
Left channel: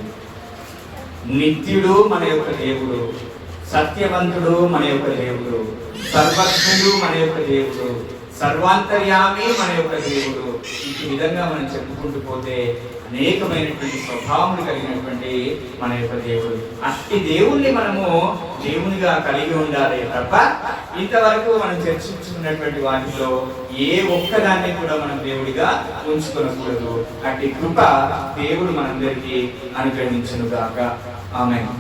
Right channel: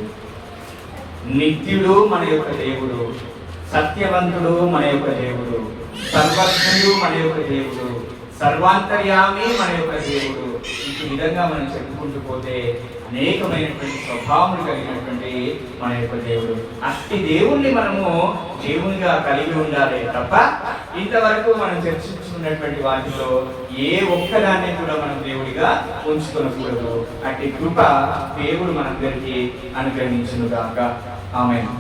నిత్యుడు, మన యొక్క దేవుడు సత్యవంతుడు, మన యొక్క దేవుడు సర్వజ్ఞుడు, మన యొక్క దేవుడు సర్వాంతర్యామి, మన యొక్క దేవుడు. ఈ విధంగా మనం చెప్పుకుంటూ పోతే అనేకమైనటువంటి స్వభావములు కలిగినటువంటి మన యొక్క దేవుడు. అట్టి దేవుణ్ణి మనము దేవునిగా కలిగి ఉండాలి తప్ప ఇంతవరకు మనం చర్చించుకున్నటువంటి వాటిలో ఏ ఒక్కదాన్ని కూడా మనం దేవుడిగా ఉంచుకోకూడదు. అట్టి కృప దేవుడు మనందరికీ అనుగ్రహించును గాక. ఆమేన్.